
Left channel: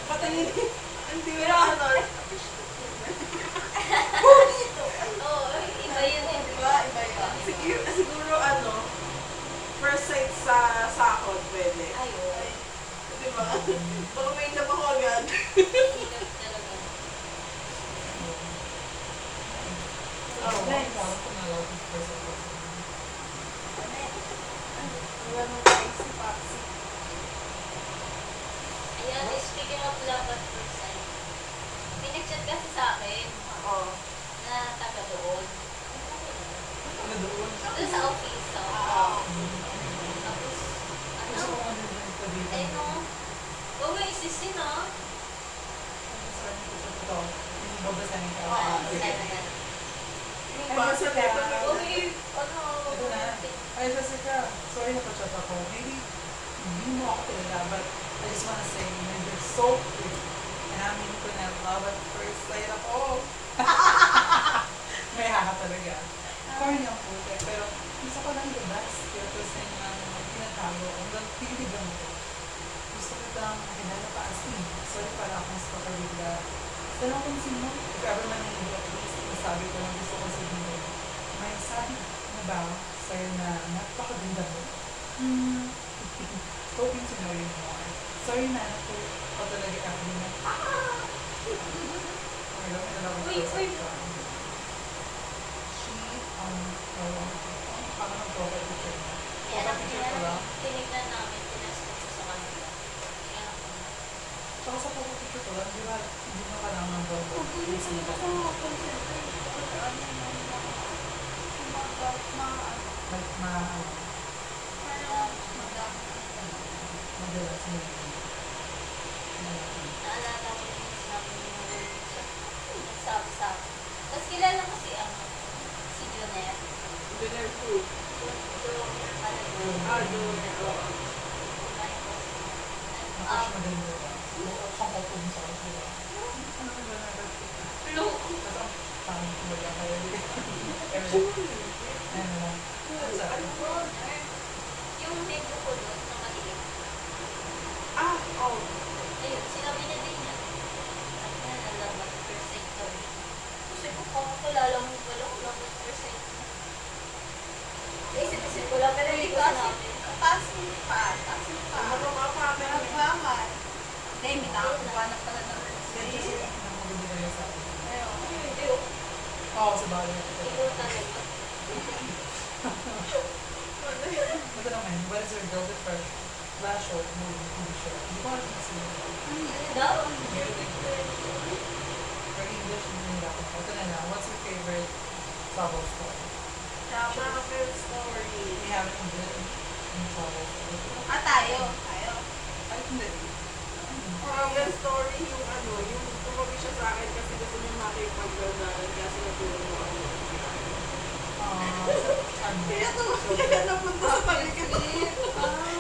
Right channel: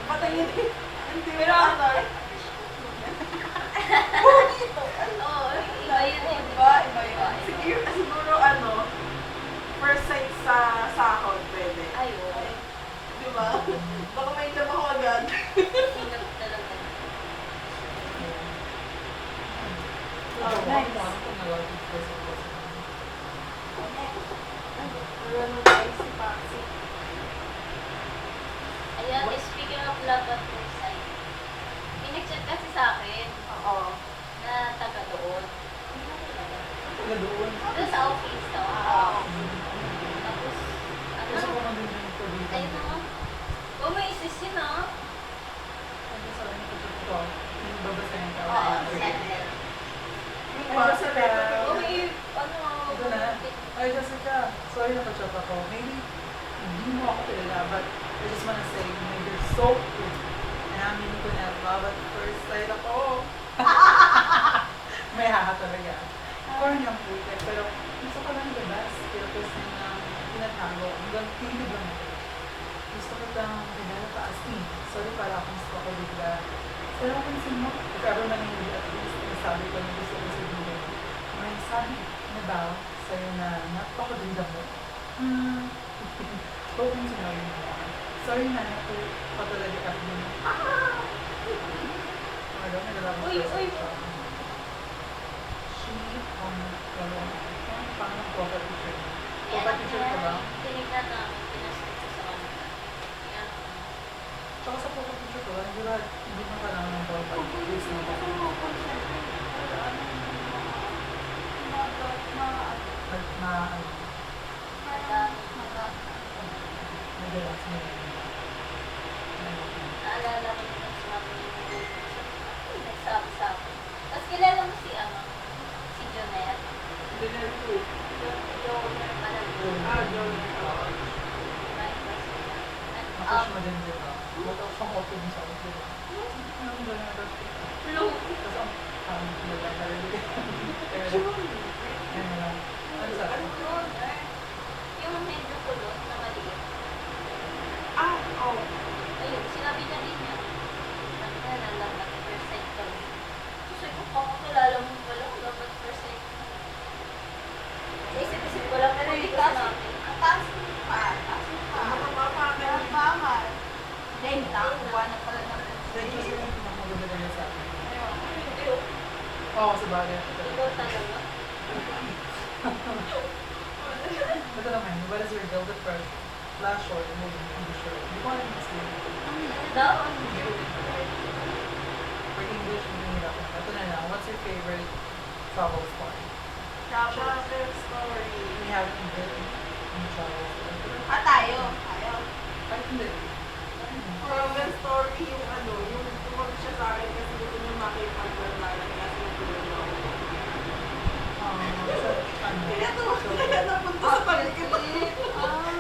Patayin. Hindi mo Pero, ano. oo, iba yun eh. Iba yun. Siguro ano, first sight sa sahod, pwede. Ay, oo. Di ba? Baka may love ako agad. Hilap talaga. Ako, nice. ako kung nalaw ko first of all. Ano tayo si Patsy? Ayan, speaking of love at first sight, may nag-chat kasi sa akin Oo. na taga doon. Ano talaga? Taga doon. Doon sa office, so. Oo. Tapos, ano? Kasi kung ano yung ito dito. Ayun o. Oh, may isis yun o. Babasahin ko ito. Babasahin ka. Ah, Sige. Basta dito. Oh, may, ano, Ito na. Ay, Jessica. Sorry na pa-chat ako. Maybe hindi mo ako kilala, but I just wanna say, you're so pretty. And I mean ko na love at first sight ako. May haka talaga. Corny ang puti. Pero gusto ko lang the best. Pero kasi nang tinatago. Hanggang pinig lang ako. Gusto ko lang dinala pa as in. Sorry pala akong stalker bigla. Pero kung sino mo, if ever man hindi at least nasabi ko na gusto ko sabihin. May sabi na ba sa'yo na napakaganda mo? Hoping to know you more. Sorry na, naku pa talaga ako mo. May nalaman Uy, ko sa uy. ito. She, paano ang profile picture niya? Kaya Profile picture ko lang. tinignan namin, pinastok ko sa kanila. Kaya, Tsaka sa profile picture ko lang, di ba, hindi mo kailangan ng profile picture mo. Madalas mo yun. naalala ko yung sinabi niya nagsabi sa akin. Tapos kilala mo si, si Jonette. Dinner food. Joner Malago. Donor. Oo. Ako siya maganda. Huwag ako pang kopong sa akin, di ba? Ano ba na birthday ka? No. Kasi ang pangit mo lang talaga. Ano lang. Ano sa akin? Yung medyo kulot, nakaliit. Oh. Ayun, sinabi niya din na. Sabi niya na love at first sight ko. Kasi ko, kakakilala mo pala, love at first sight ko. Isip-isip ko lang, pero hindi ko sinabi. Taas mo pa. Taas mo pa. Nagmamal. Hindi, may nakakuha na pala ng Then kasi yung pinamaganda naman sa akin. Hindi, oh. Oo, sa bagay. Ikaw talaga. Ito naman, what is your guilty pleasure? Flash or movie shirt? Hindi ko alam yung sila. Ano daw? For English, hindi nila ako. Ito na lang, what's your favorite travel story? Travel story. We have English in travel story. Tayo. Ay, hindi. Travel story yung yung tumabi siya sa akin kasi gusto niya makipag-ganaran kasi natulog na ako. Ano? Kaya napunta sa tabi ko to.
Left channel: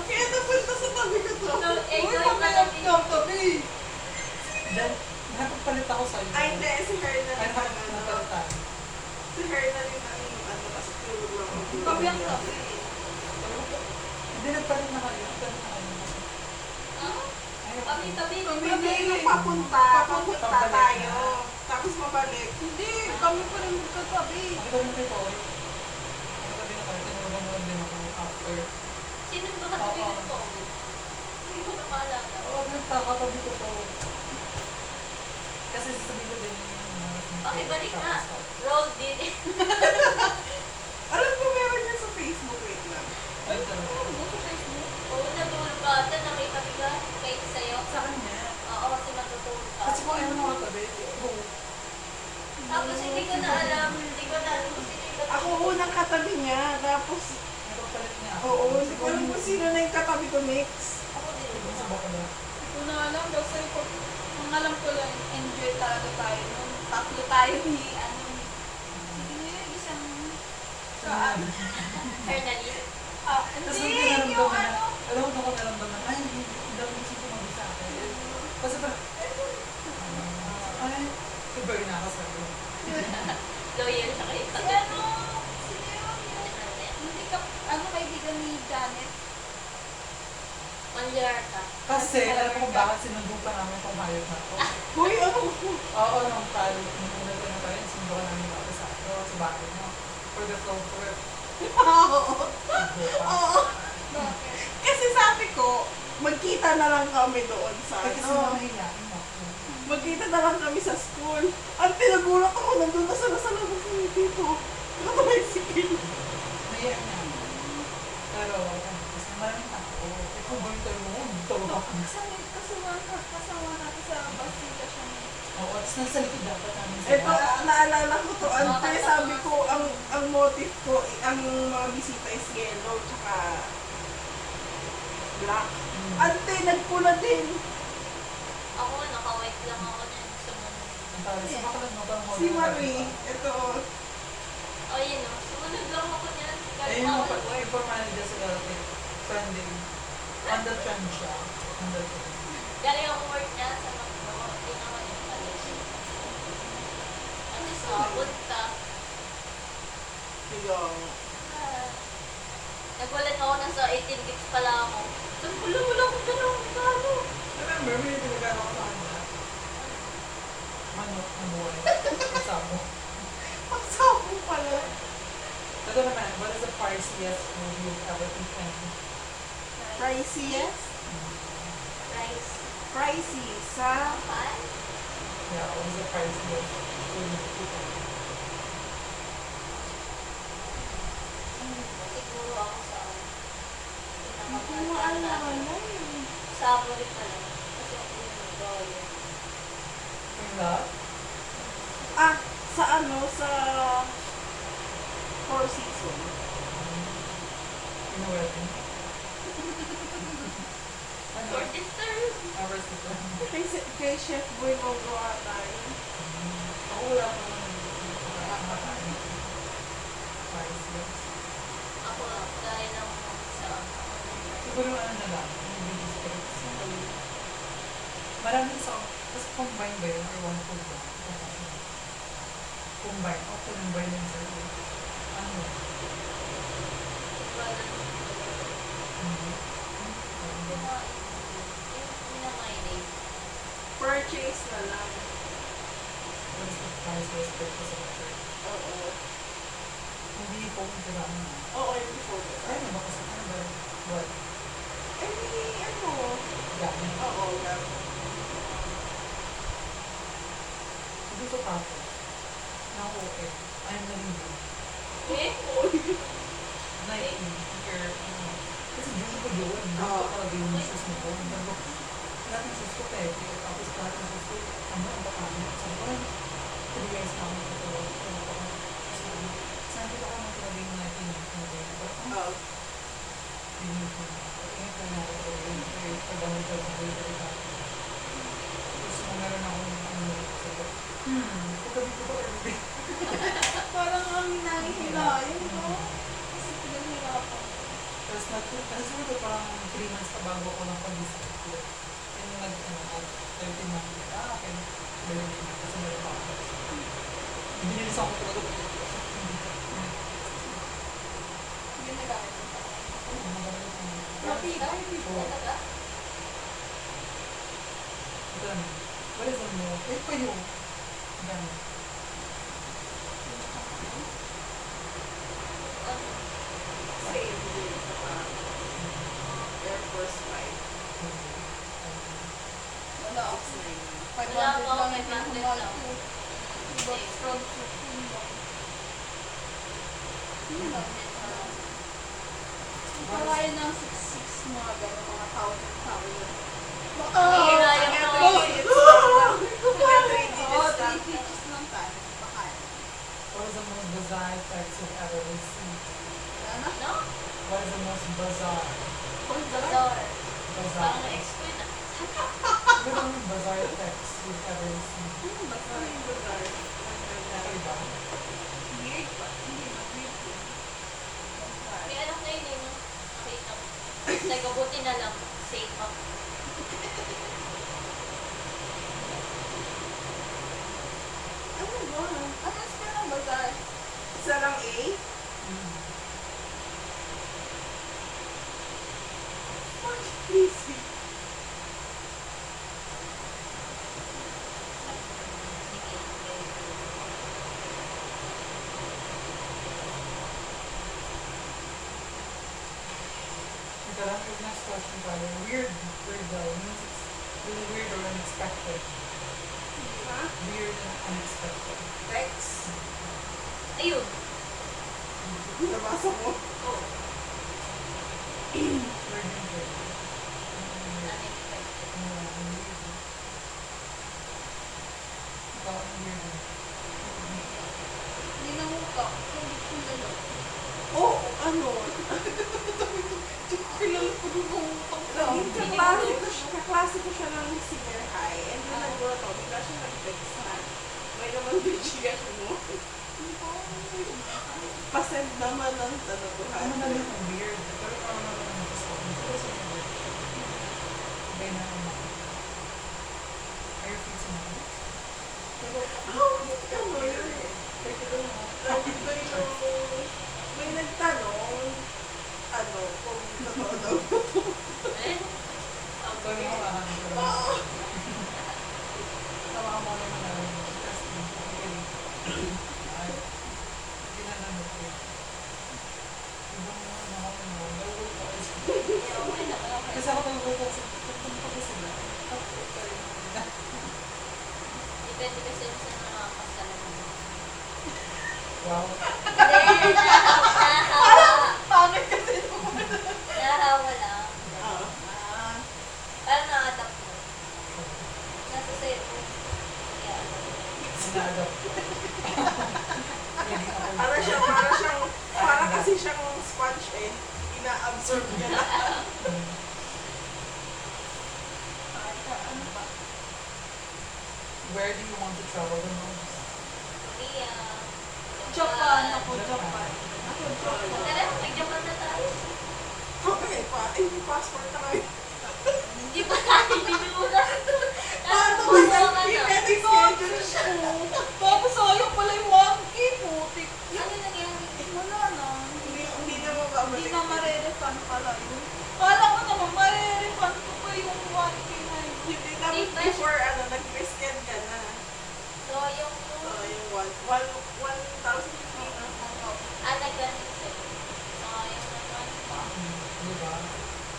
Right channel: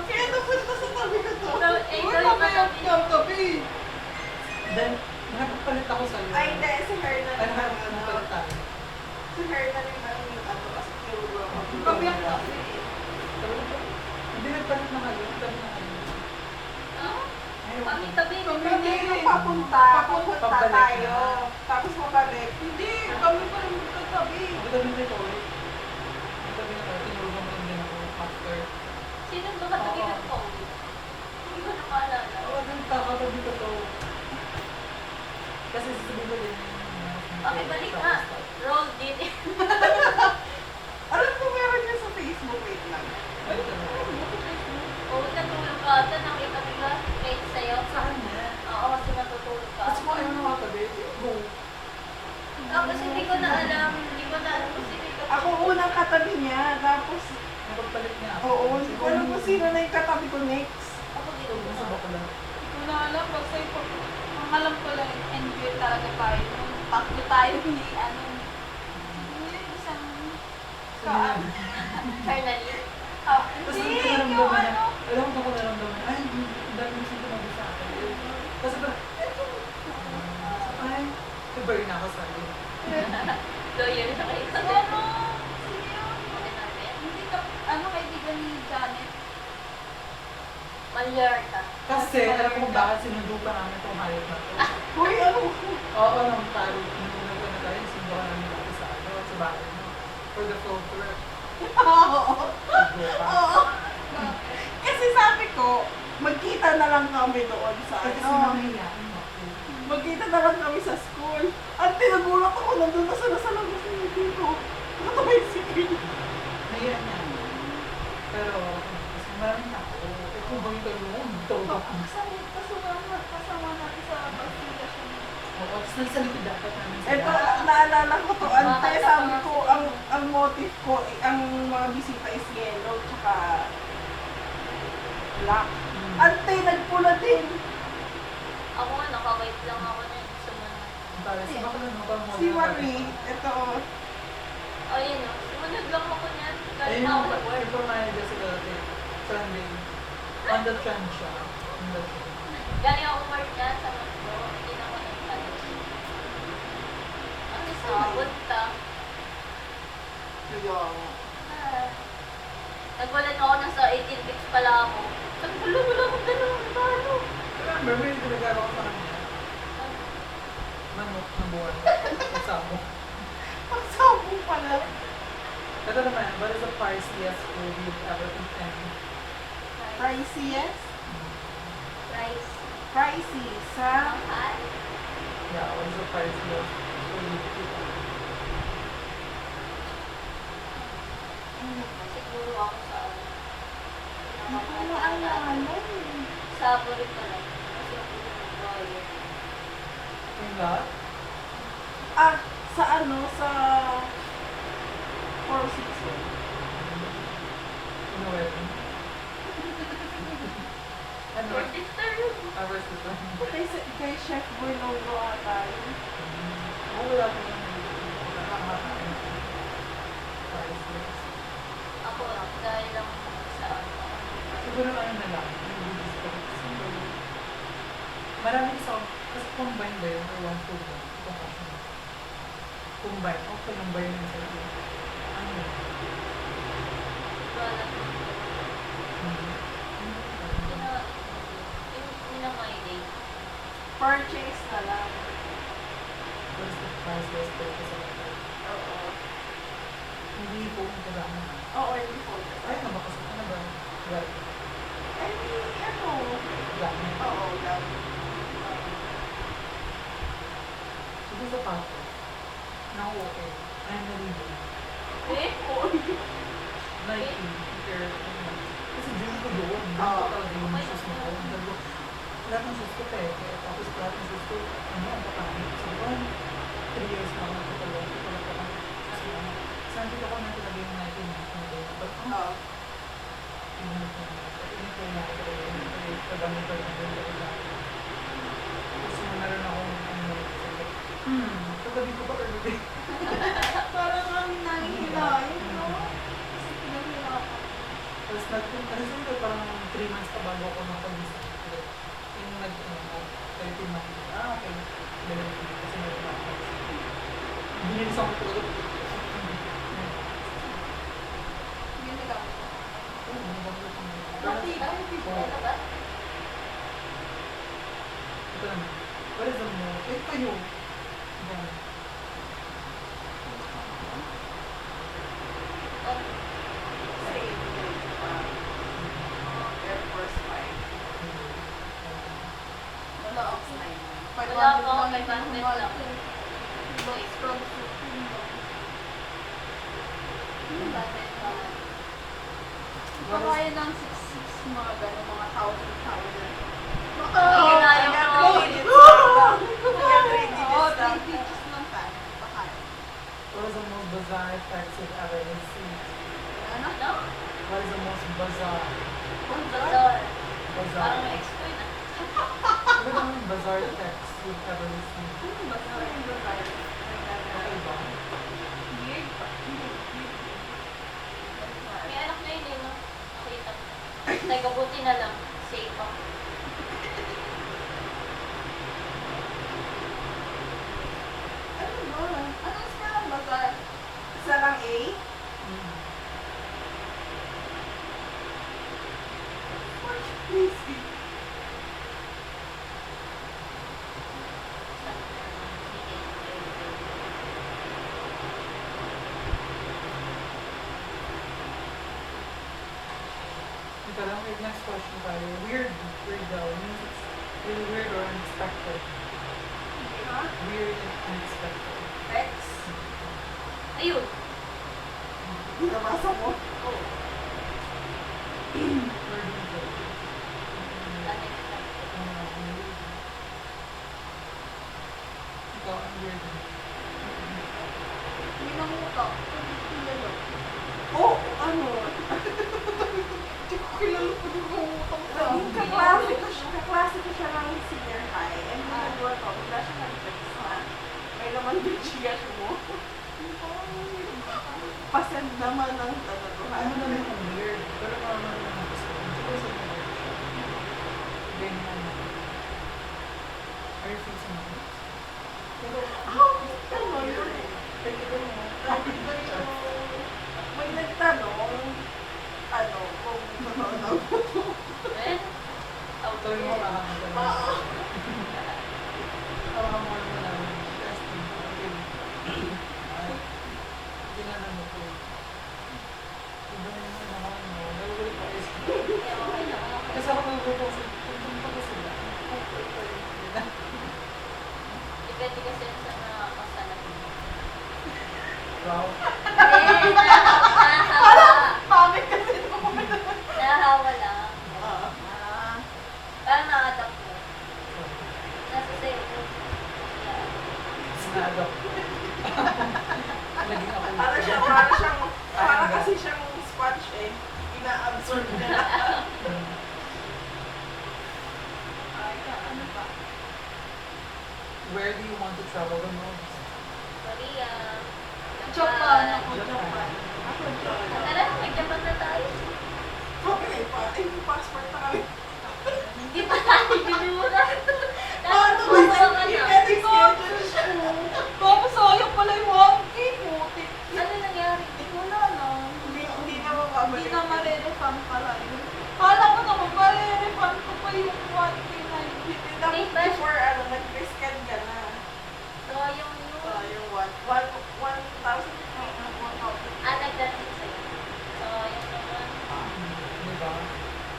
Kaya napunta sa tabi ko to. So, Uy, ikaw yung mamaya katabi. ikaw tabi. Then, nakapagpalit ako sa'yo. Ay, hindi. Si Hernan Ay, yung nakapalit tayo. Si Hernan yung kasi tulog na ako. Tabi ang tabi. Hindi, nagpalit na kayo. Nagpalit na kayo. Ayaw ko. Tabi-tabi. Hindi yung papunta Pabalik tayo. na. Tapos mabalik. Hindi, kami pa rin magkatabi. Ako tabi na ikaw eh. Ako tabi na kayo. Tinulungan mo din ako after. Sino ba katabi ng po? Hindi ko na maalala. Oo, nagkakatabi ko to. Kasi sasabihin ko din yung Pakibalik na. Roll din. Alam ko meron niya sa Facebook. Wait lang. Ay, ito na. Oo, natulog ka ata. Nakita ka kahit sa'yo. Sa kanya. Oo, kasi natutulog ka. Kasi kung ayaw mo katabi, go. Tapos hindi ko na alam kung sino yung katabi. Ako unang katabi niya. Tapos, Nagpapalit niya ako. oo, hindi ko alam kung sino na yung katabi ko next. Ako din. Sa baka lang. Hindi ko na alam. Basta yung ang alam ko lang, enjoy talaga tayo. Nung tatlo tayo ni, isang, Fernandine. Tapos hindi, ang yung naramdaman na, alam ko kung naramdaman, ay, ang dami yung sinabi sa akin. Kasi parang, ay, iba rin ako sa akin. Loyal na kayo sa si ano, hindi ka, kaibigan ni Janet. Malyarta. Kasi, alam ko kung bakit sinundo pa namin itong hayop na to. Hoy, ano? Oo, nung tayo, nung nagano tayo, sinundo ka namin ako sa bahay, no? For the flow tour. Oo. Sinundo ka. Oo. Kasi sabi ko, magkita na lang kami doon sa Ay, kasi nakahiyain ako. Magkita na lang kami sa school. Ang pinagulat ako, nandun na sila sa loob ng dito. Naka-tricycle. Naiyan niya. Pero, kasi maraming tao. Eh, kung ba yung kayo mo, tawag ako. Kasama natin sa Bastilla siya. Oo, tapos nasa likod dapat namin Eh, sila. naalala ko to, ante, sabi ko, ang motif ko, ang mga bisita is yellow, tsaka black. Ante, nagpula din. Ako, naka-white lang ako niyan. Sumunod. Ang tayo, si Bakla, no? Parang Si Marie, ito, Oh, yun o. Sumunod lang ako niyan. Kahit Ayun na yung ako nag-work. yung manager sa dati. Sunday. On the trend siya. On the trend. Galing ako work yan sa Makno. Hindi na ako nagpalis. Ang is nakapunta. yung, Ah, Nagwalan ako na sa 18 weeks pala ako. Sabi ko, wala akong ganun. Paano? Remember, may pinagano ko sa kanya. Manok na buwan. Kasamo. pagsabong pala. Ito naman, what is the priciest food you've ever eaten? Priciest? Rice. Pricey sa Mahal. Yeah, what is the priciest food you've eaten? Siguro ako sa ano. hindi ko pinakamahal na maalala natin. eh. Sa Burik pala. Kasi ako yung nag-royal. Yung lahat? Ah, sa ano, sa Four Seasons. In a wedding? Ano? For sister. Ours is lang. Kay Chef Boy Logo ata yun. Ako wala ko lang. Nakakain. Priciest. Ako lang. Dahil lang sa ano. Siguro ano na lang, hindi marami sa, kasi combine ba yun or one food ba? Kung kasi. Combine, combine yun sa ano? Wala. Hindi. Yung minamay Purchase na lang. What is the price list for the semester? Oo. Hindi po ito lang. Oo, hindi po. Ay, ano ba kasi? Ano ba? Well, Eh, ano? gamit. Oo, gamit. Siguro sa papo. Na-OA. I'm nalilin. Eh? Nike, sticker, ano. Kasi dream ko doon. Oo. Talaga yung sus mo ko. Sabi ko, lahat ng sus ko pepe. Tapos lahat ng sus ko, ano, ang bakain. Sabi ko, 3 years na ako nagtatalo. Sabi ko ako na talaga yung Nike na. But, Oo. yun ko na. Yun ko na. Pagdamutan na rin rin lang. Tapos meron akong, ano, katabi ko ba early? Parang ang nangihilayan, no? Kasi pinahirapan. Tapos kasi siguro parang 3 months pa bago ako nakapag-design. Yung nag-13 ako. Okay. Meron ko. Kasi meron pa ako. Binilis ako talaga. Hindi na gamit ko. Oo, maganda siya. Pati ba? Ano ba? Ito naman. What is the more? Eh, pa yun. Yan. Sa April pa. Air Force 5. Wala, ox 9. Wala ako, 500 lang. Diba? From Supreme ba? Kaya ng 6'6", mga gano'n, mga 1,000 lang. Hindi na yung Oo, Oo, 3 pages lang tayo. Baka yan. What is the most bizarre text you've ever received? Ano? No? What is the most bizarre? Bazaar. Bizarre. Parang na-explain na. What is the most bizarre text you've ever received? Ano ba? Sorry, bizarre. Okay ba? Weird pa. Hindi na weird yun. May anak na yun, no? Nakita. Teka, buti na lang. Safe ako. Ano ba? Ano is pa lang bazar? Isa lang A? Easy. Ito lang, yung next question tayo. Weird daw. Means it's really weird or unexpected. Ha? Weird and unexpected. Text? Ayun. Nabasa mo? Oo. Where do you go? Unexpected. Ikaw, ang weird. Hindi namutang. Hindi kilala. Oh, ano? Hindi ko kilala ko din namutang sa Naging kaklase ko siya ng senior high. And then nagulat ako, bigla siya nag-text na, may naman bichigas mo. Pasend naman ng ano to, Ano na lang ang weird. Pero normal naman ang gusto. Hindi sa weird. Hindi na ano. Are you fixing it? Ano yun? Take it in mo. Lagi ba yung may nagtanong, ano, kung totoo daw. Eh? Ito yung mga kahanap ko. Oo. Tawa ka mo naman namin. Testing. Hindi na naman ko. Iba na yung mga ano. Nalulog pa is. Okay na, okay. Kasi ako nalulog ako. Pupunta ko sila. Depende kasi yun sa nakakasalan mo. Wow. Hindi, nahahawa. Pangit kasi naman. Nahahawa lang. Ah. Parang na-adapt mo. Nasa sa'yo mo. Yeah. Sina-adopt. Naging ako. Para kasi siyang sponge eh. Ina-absorb niya lahat. Ay, ano pa? Where do you want to travel the most? Korea. Japan ako, Japan. Japan. Ako, Japan. Tara, mag-Japan na tayo. Okay, yung passport na kami. Hindi pa tayo binuna. Paano Nasa ba? ka na. I-schedule siya. Tapos sayang pala yung 1K, putik. Ano nangyari? Wala na. Hindi na mababalik. Hindi na marerefund pala yun. Kala ko naman marerefund ko pa yung 1K na yun. Hindi na before nag-prescan ka na. So, yung... So, yung 1,000 nagdating sa'yo. So, yung may one. Diba?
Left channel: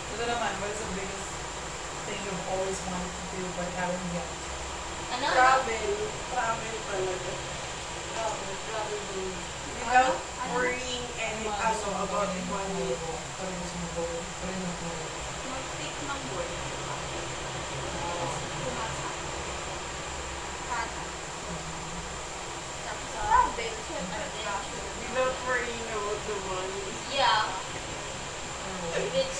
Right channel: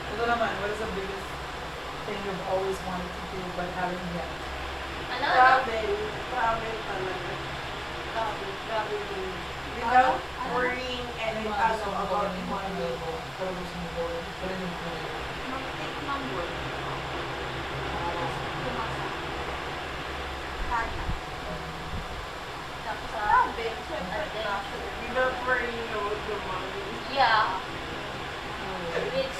Ito naman, what is the biggest thing you've always wanted to do but haven't yet? Ano? Travel talaga. Travel. Without worrying Ano any mga gusto mo about gawin mo? money. Ano gusto mo gawin? Pero yung Mag-take ng work. Pumasa. Sana. Tapos, Sabi, syempre, adventure. Without worrying about the money. Yeah. Which,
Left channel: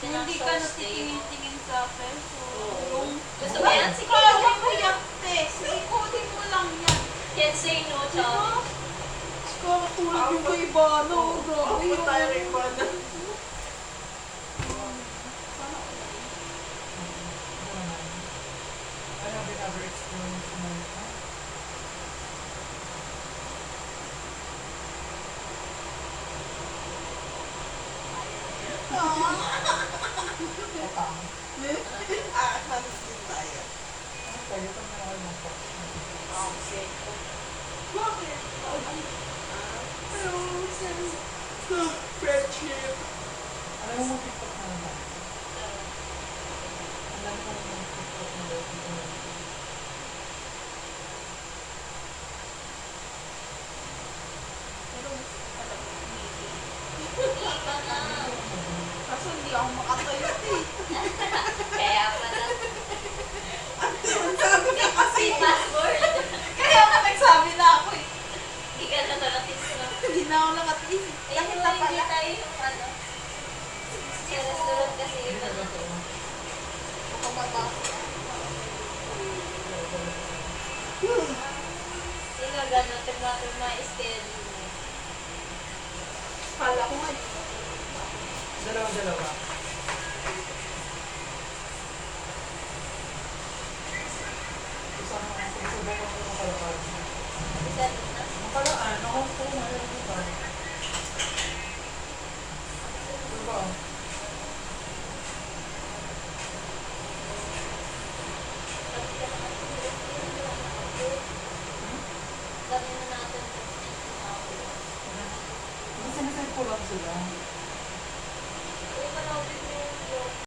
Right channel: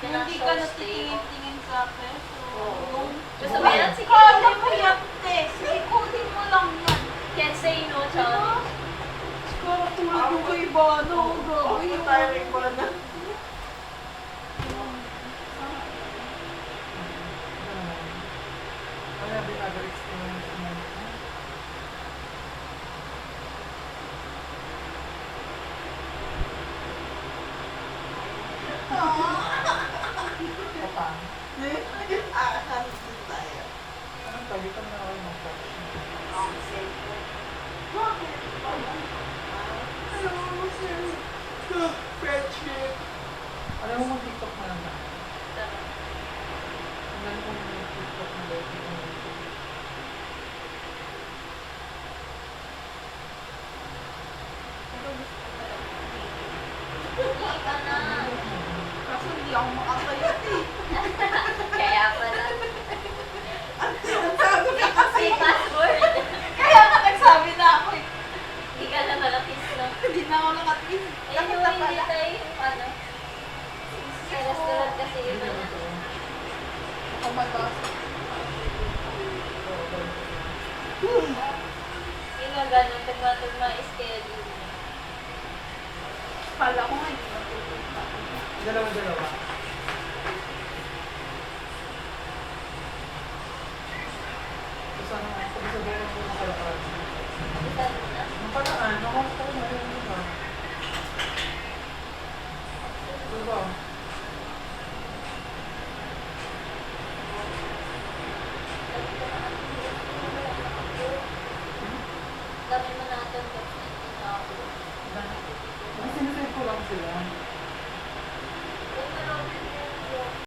hindi ka natitingin sa peso. Oo. Yung Gusto mo yan? Sige. kaya mo yan, Tess. Ikunin mo lang yan. Can't say no, Diba? Charlie. Kaya tulad yung kay Bano. Grabe Ako yun. tayo rin ba na? Sana Ito naman. I have the other experience in my life. Kapang. Hands din tayo. Ano pa? Di pa naman ako mag-question. Bakit? Hello, sir. Friendship. Alam mo mag-TikTok na naman. Ang dami kong TikTok na lagi ko. pero gusto ko talaga. Hindi ka na. Kaso hindi ako makatayo. Kaya pala. Ang sabi ka kasi. Say password. Kaya nga nagsabi na ako eh. Hindi ka na nakatis na. Hindi na ako nakatingin. Eh, Bakit yung na hindi pala? tayo yung ano. Sa restaurant kasi Hindi iba na na. ito. Baka mataas. Yung nga gano'n, tagma-tagma schedule mo. Kala ko nga hindi na pupunta. Dalawa-dalawa. So, sana nga, sabi-sabihin ko makalakad. Isa na. Makalaan, ako po ngayon, di ba? Diba? Sabi ka na ate, wala na ako. Sabi mo na ate, ako. Kasi sinasave ko lang sila.